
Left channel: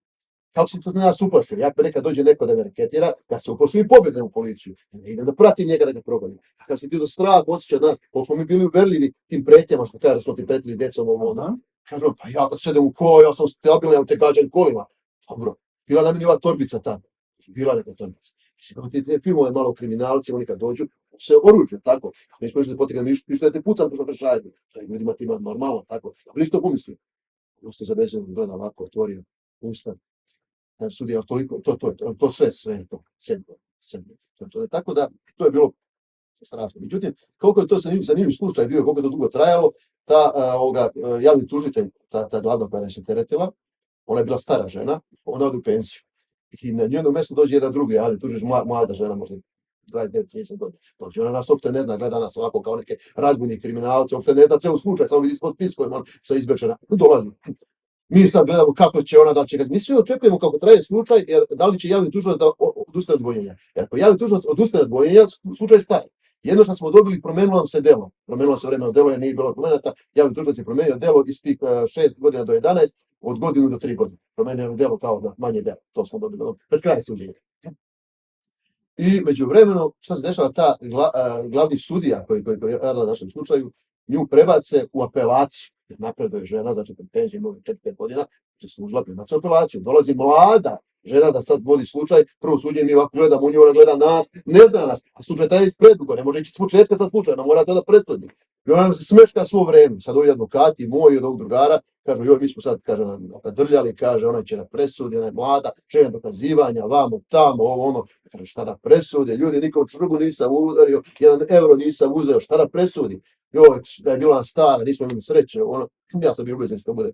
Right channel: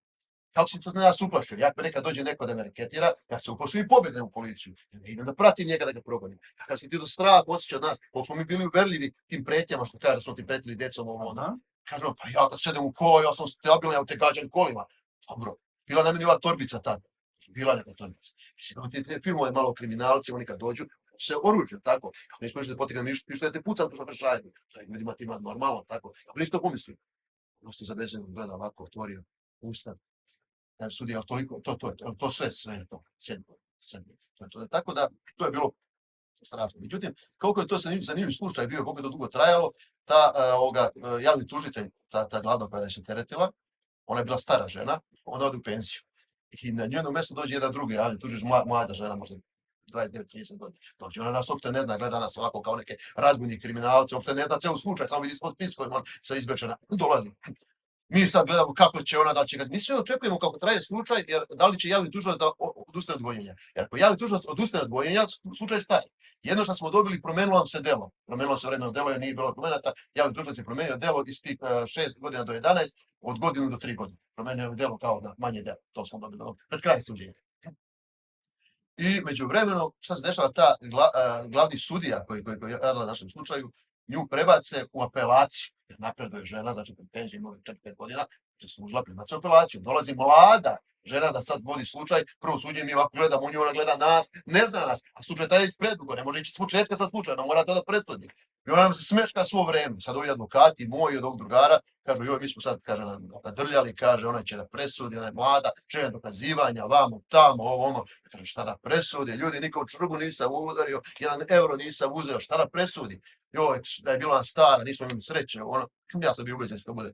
Kako si to na nas uplašio? Ja nekad dođe neko da me reketira, ja se uplašio i pobjegnem u policiju. Ja idem da pratim njega da ga progonim. Kad si ti do straha osjeća od nas, koliko smo mi bili uverljivi tim pretnjama, što kaže, smo ti pretili decom ovo ono. Kažem, pa ja kad sedem u kola, ja sam stabilan, ja te gađam kolima. Dobro, bila na meni ova torbica tada. Bila neka torbica. Mislim, te filmove malo kriminalci, oni kad dođu, se oružju, tako. Ne smo išli da potegnemo pištolj, te pucam, pošto prešajdu. To je ljudima tima normalno, tako. Ja bi isto pomislio. Dosta zabezeno, gleda ovako, otvorio usta. Znači, sudija, to sve to, sedmo. Tako da, to je bilo strašno. Međutim, koliko je to zanimljiv slučaj bio, koliko je to dugo trajalo, ta javni tužitelj, ta glavna koja se teretila, ona je bila stara žena, ona ode u penziju. I na njeno mjesto dođe jedan drugi javni tužitelj, mlada žena, možda 29-30 godina. Dođe, ona nas uopšte ne zna, gleda nas ovako kao neke razbojni kriminalce, uopšte ne zna ceo slučaj, samo vidi ispod spiskojima, on se izbečena, dolazi. Mi sad gledamo kako će ona, da li će ga... Mi svi očekujemo kako traje slučaj, jer da li će javni tužilac da odustane od dvojenja. Jer ako javni tužilac odustane od dvojenja, slučaj staje. Jedno što smo dobili, promenilo nam se delo. Promenilo se vremeno delo, jer nije bilo promenata. Javni tužilac je promenio delo iz tih 6 godina do 11, od godinu do 3 godine. Promenio je delo kao da manje delo. To smo dobili pred kraj suđenja. I međuvremeno, što se dešava, ta glavni sudija koji je radila na našem slučaju, nju prebace u apelaciju. Jer napreduje žena, znači pred penziju ima 4-5 godina, služila primatsku apelaciju. Dolazi mlada žena da sad vodi slučaj, prvo suđe mi ovako gledamo u nju, ona gleda nas, ne zna nas, a slučaj traje predugo, ne može ići s početka sa slučajem, mora to da presudi. I ona se smeška svo vreme. Sad ovi advokati moji od ovog drugara kažu, joj, mi smo sad, kaže, nadrljali, kaže, ona će da presudi, ona je mlada, žene dokazivanja, vamo, tamo, ovo, ono. Kaže, šta da presudi? Ljudi, nikom čvrgu nisam udario, 1 euro nisam uzeo, šta da presudi? Joj, da je bila stara, nismo imali sreće, ono, ja sam bio ubeđen što bude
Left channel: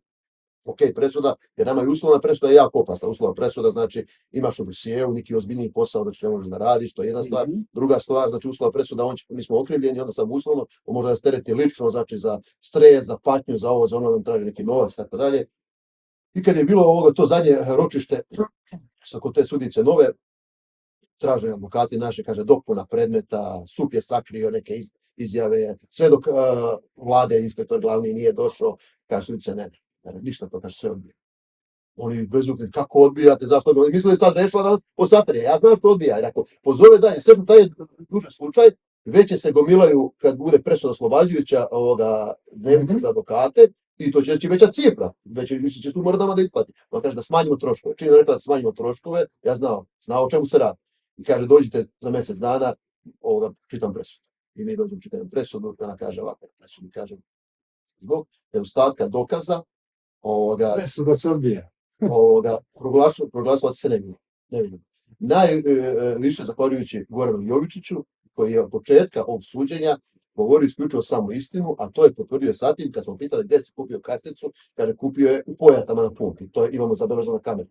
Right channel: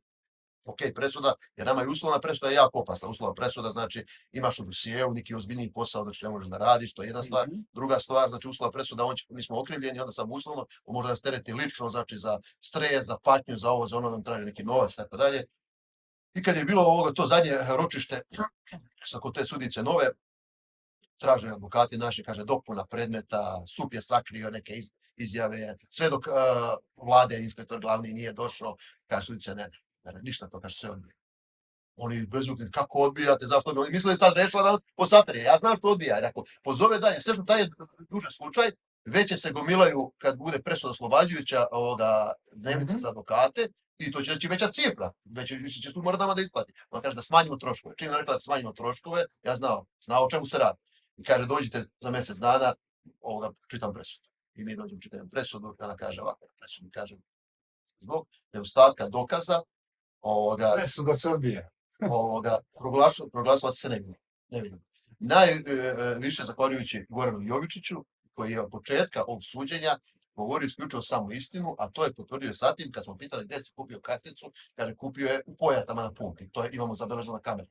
ok presuda, jer nama je uslovna presuda je jako opasna. Uslovna presuda znači imaš u dosijeu neki ozbiljniji posao, znači ne možeš da radiš, to je jedna stvar. Druga stvar, znači uslovna presuda, mi smo okrivljeni, onda sam uslovno, on može da stereti lično, znači za stres, za patnju, za ovo, za ono, nam traži neki novac, tako dalje. I kad je bilo ovoga, to zadnje ročište, sa kod te sudice nove, traže advokati naši, kaže, dopuna predmeta, SUP je sakrio neke izjave, sve dok vlade, inspektor glavni nije došao, kaže, sudice ne. Ništa to, kaže, sve odbija. Oni bezukni, kako odbijate, zašto odbija? Oni mislili sad rešila nas po satrije. Ja znam što odbija. Jer ako pozove dalje, sve što taj je duže slučaj, veće se gomilaju kad bude presuda oslobađajuća dnevnice za advokate i to će veća cifra. Više će su mora nama da isplati. On kaže da smanjimo troškove. Čim je rekla da smanjimo troškove, ja znao o čemu se radi. I kaže, dođite za mjesec dana, čitam presudu. I mi dođemo, čitam presudu, ona kaže ovako, presudu kaže, zbog nedostatka dokaza, presuda se odbija. Proglasovati se ne vidim. Najviše zahvaljujući Goranu Jovičiću, koji je od početka ovog suđenja govorio isključivo samo istinu, a to je potvrdio sa tim kad smo pitali gdje si kupio karticu, kaže kupio je u Pojatama na pumpi. To imamo zabeleženo na kameri.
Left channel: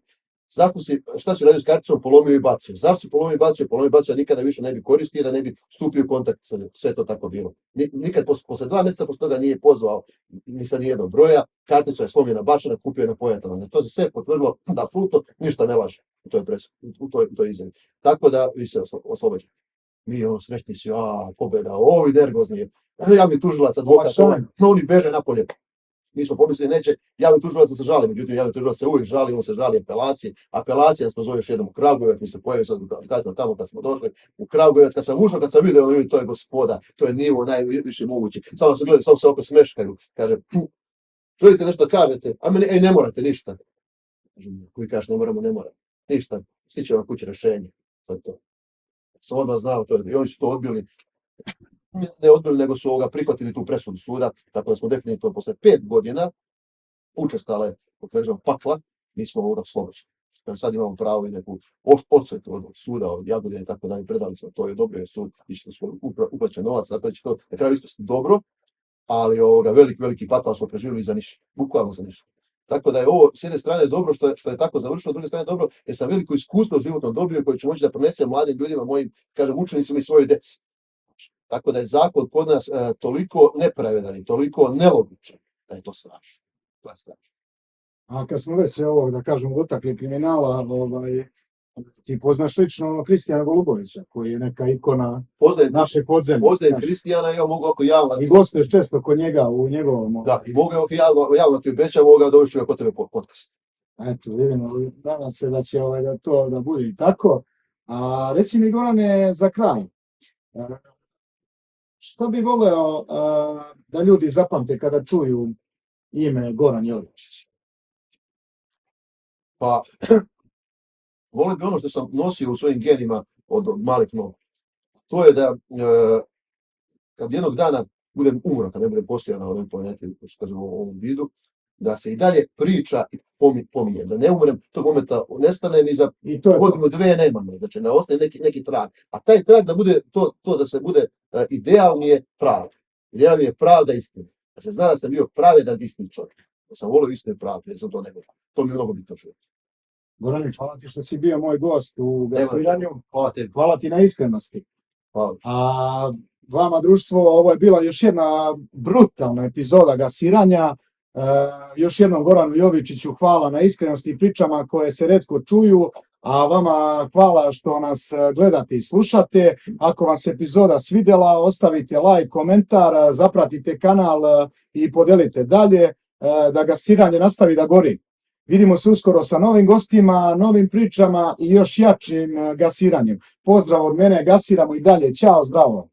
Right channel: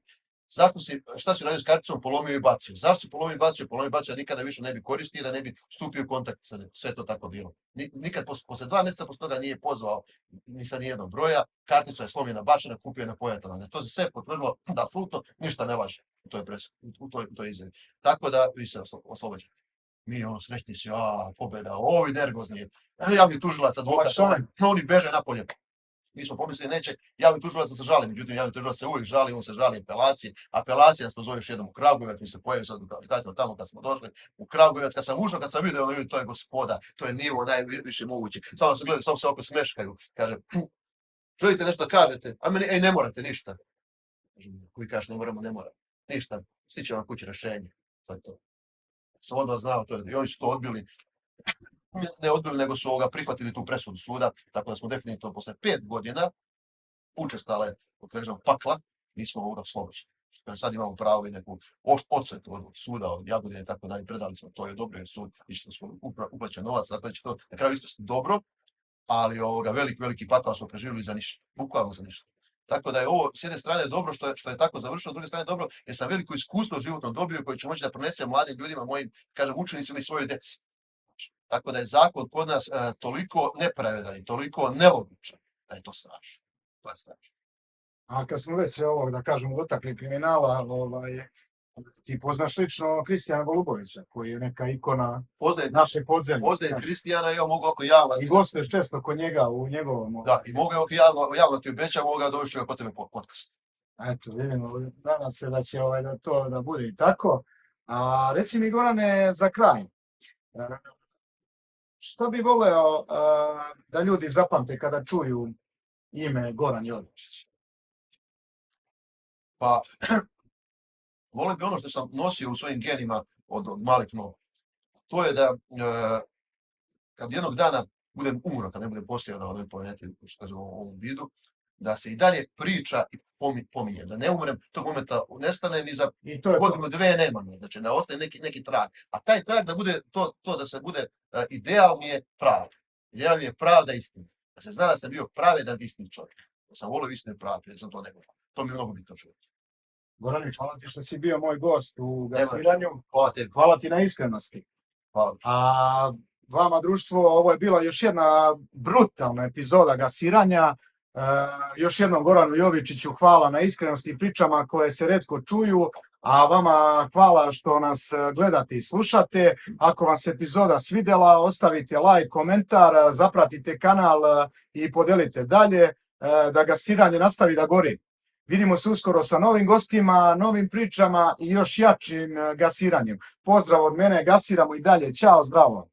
Šta si radio s karticom? Polomio i bacio. Zašto si polomio i bacio? Polomio i bacio, nikada više ne bi koristio, da ne bi stupio u kontakt sa njim. Sve to tako bilo. Nikad posle 2 mjeseca posle toga nije pozvao ni sa nijednog broja. Kartica je slomljena bačena, kupio je na Pojatama. To se sve potvrdilo da apsolutno ništa ne laže u toj izjavi. Tako da vi se oslobađate. Mi srećni su, pobjeda, ovi nervozni, javni tužilac, advokat, oni beže napolje. Mi smo pomislili neće javni tužilac da se žali, međutim javni tužilac se uvijek žali, on se žali apelacije. Apelacija nas pozove još jednom u Kragujevac, mi se pojavio sa advokatima tamo kad smo došli u Kragujevac, kad sam ušao, kad sam vidio, to je gospoda, to je nivo najviše moguće. Samo se gledaju, samo se oko smeškaju, kaže, želite nešto da kažete, a meni, ne morate ništa. Koji kaže, ne moramo, ništa, stiće vam kući rešenje, to je to. Sam od vas znao, to je, i oni su to odbili. Ne odbili, nego su prihvatili tu presudu suda, tako da smo definitivno posle 5 godina učestale pakla, mi smo oslobođeni. Sad imamo pravo i neku odsvetu od suda, od Jagodine i tako dalje, predali smo to i odobrio sud, išli smo uplaćen novac, tako da će to na kraju ispasti dobro, ali veliki pakao smo preživjeli za ništa, bukvalno za ništa. Tako da je ovo s jedne strane dobro što je tako završilo, s druge strane dobro jer sam veliko iskustvo životno dobio koje ću moći da prenesem mladim ljudima, mojim, kažem, učenicima i svojoj deci. Tako da je zakon kod nas toliko nepravedan i toliko nelogičan da je to strašno. To je strašno. A kad smo već ovog, da kažem, dotakli kriminala, ti poznaš lično Kristijana Golubovića, koji je neka ikona naše podzemlje. Poznajem Kristijana, ja mogu ako javno... I gostuješ često kod njega u njegovom... Da, i mogu ako javno ti obećam, mogu dovesti ga kod tebe podcast. Eto, vidimo, nadam se da će to da bude i tako. A reci mi, Gorane, za kraj, što bi voleo da ljudi zapamte kada čuju ime Goran Jovičić? Pa, volio bi ono što sam nosio u svojim genima od malih nogu. To je da kad jednog dana budem umro, kad ne budem postojao na ovoj planeti, što kažemo u ovom vidu, da se i dalje priča i pominjem, da ne umrem, tog momenta nestanem i za godinu, 2 nema me, znači ne ostaje neki trag. A taj trag da bude to da se bude idealnije pravda. Idealnije pravda istina. Da se zna da sam bio pravedan istin čovjek. Da sam volio istinu i pravdu, da sam to nego. To mi je mnogo bitno čovjek. Gorane, hvala ti što si bio moj gost u Gasiranju. Hvala ti na iskrenosti. Hvala. A vama, društvo, ovo je bila još jedna brutalna epizoda Gasiranja. Još jednom Goranu Jovičiću hvala na iskrenosti i pričama koje se retko čuju, a vama hvala što nas gledate i slušate. Ako vam se epizoda svidjela, ostavite like, komentar, zapratite kanal i podelite dalje, da Gasiranje nastavi da gori. Vidimo se uskoro sa novim gostima, novim pričama i još jačim gasiranjem. Pozdrav od mene, gasiramo i dalje. Ćao, zdravo!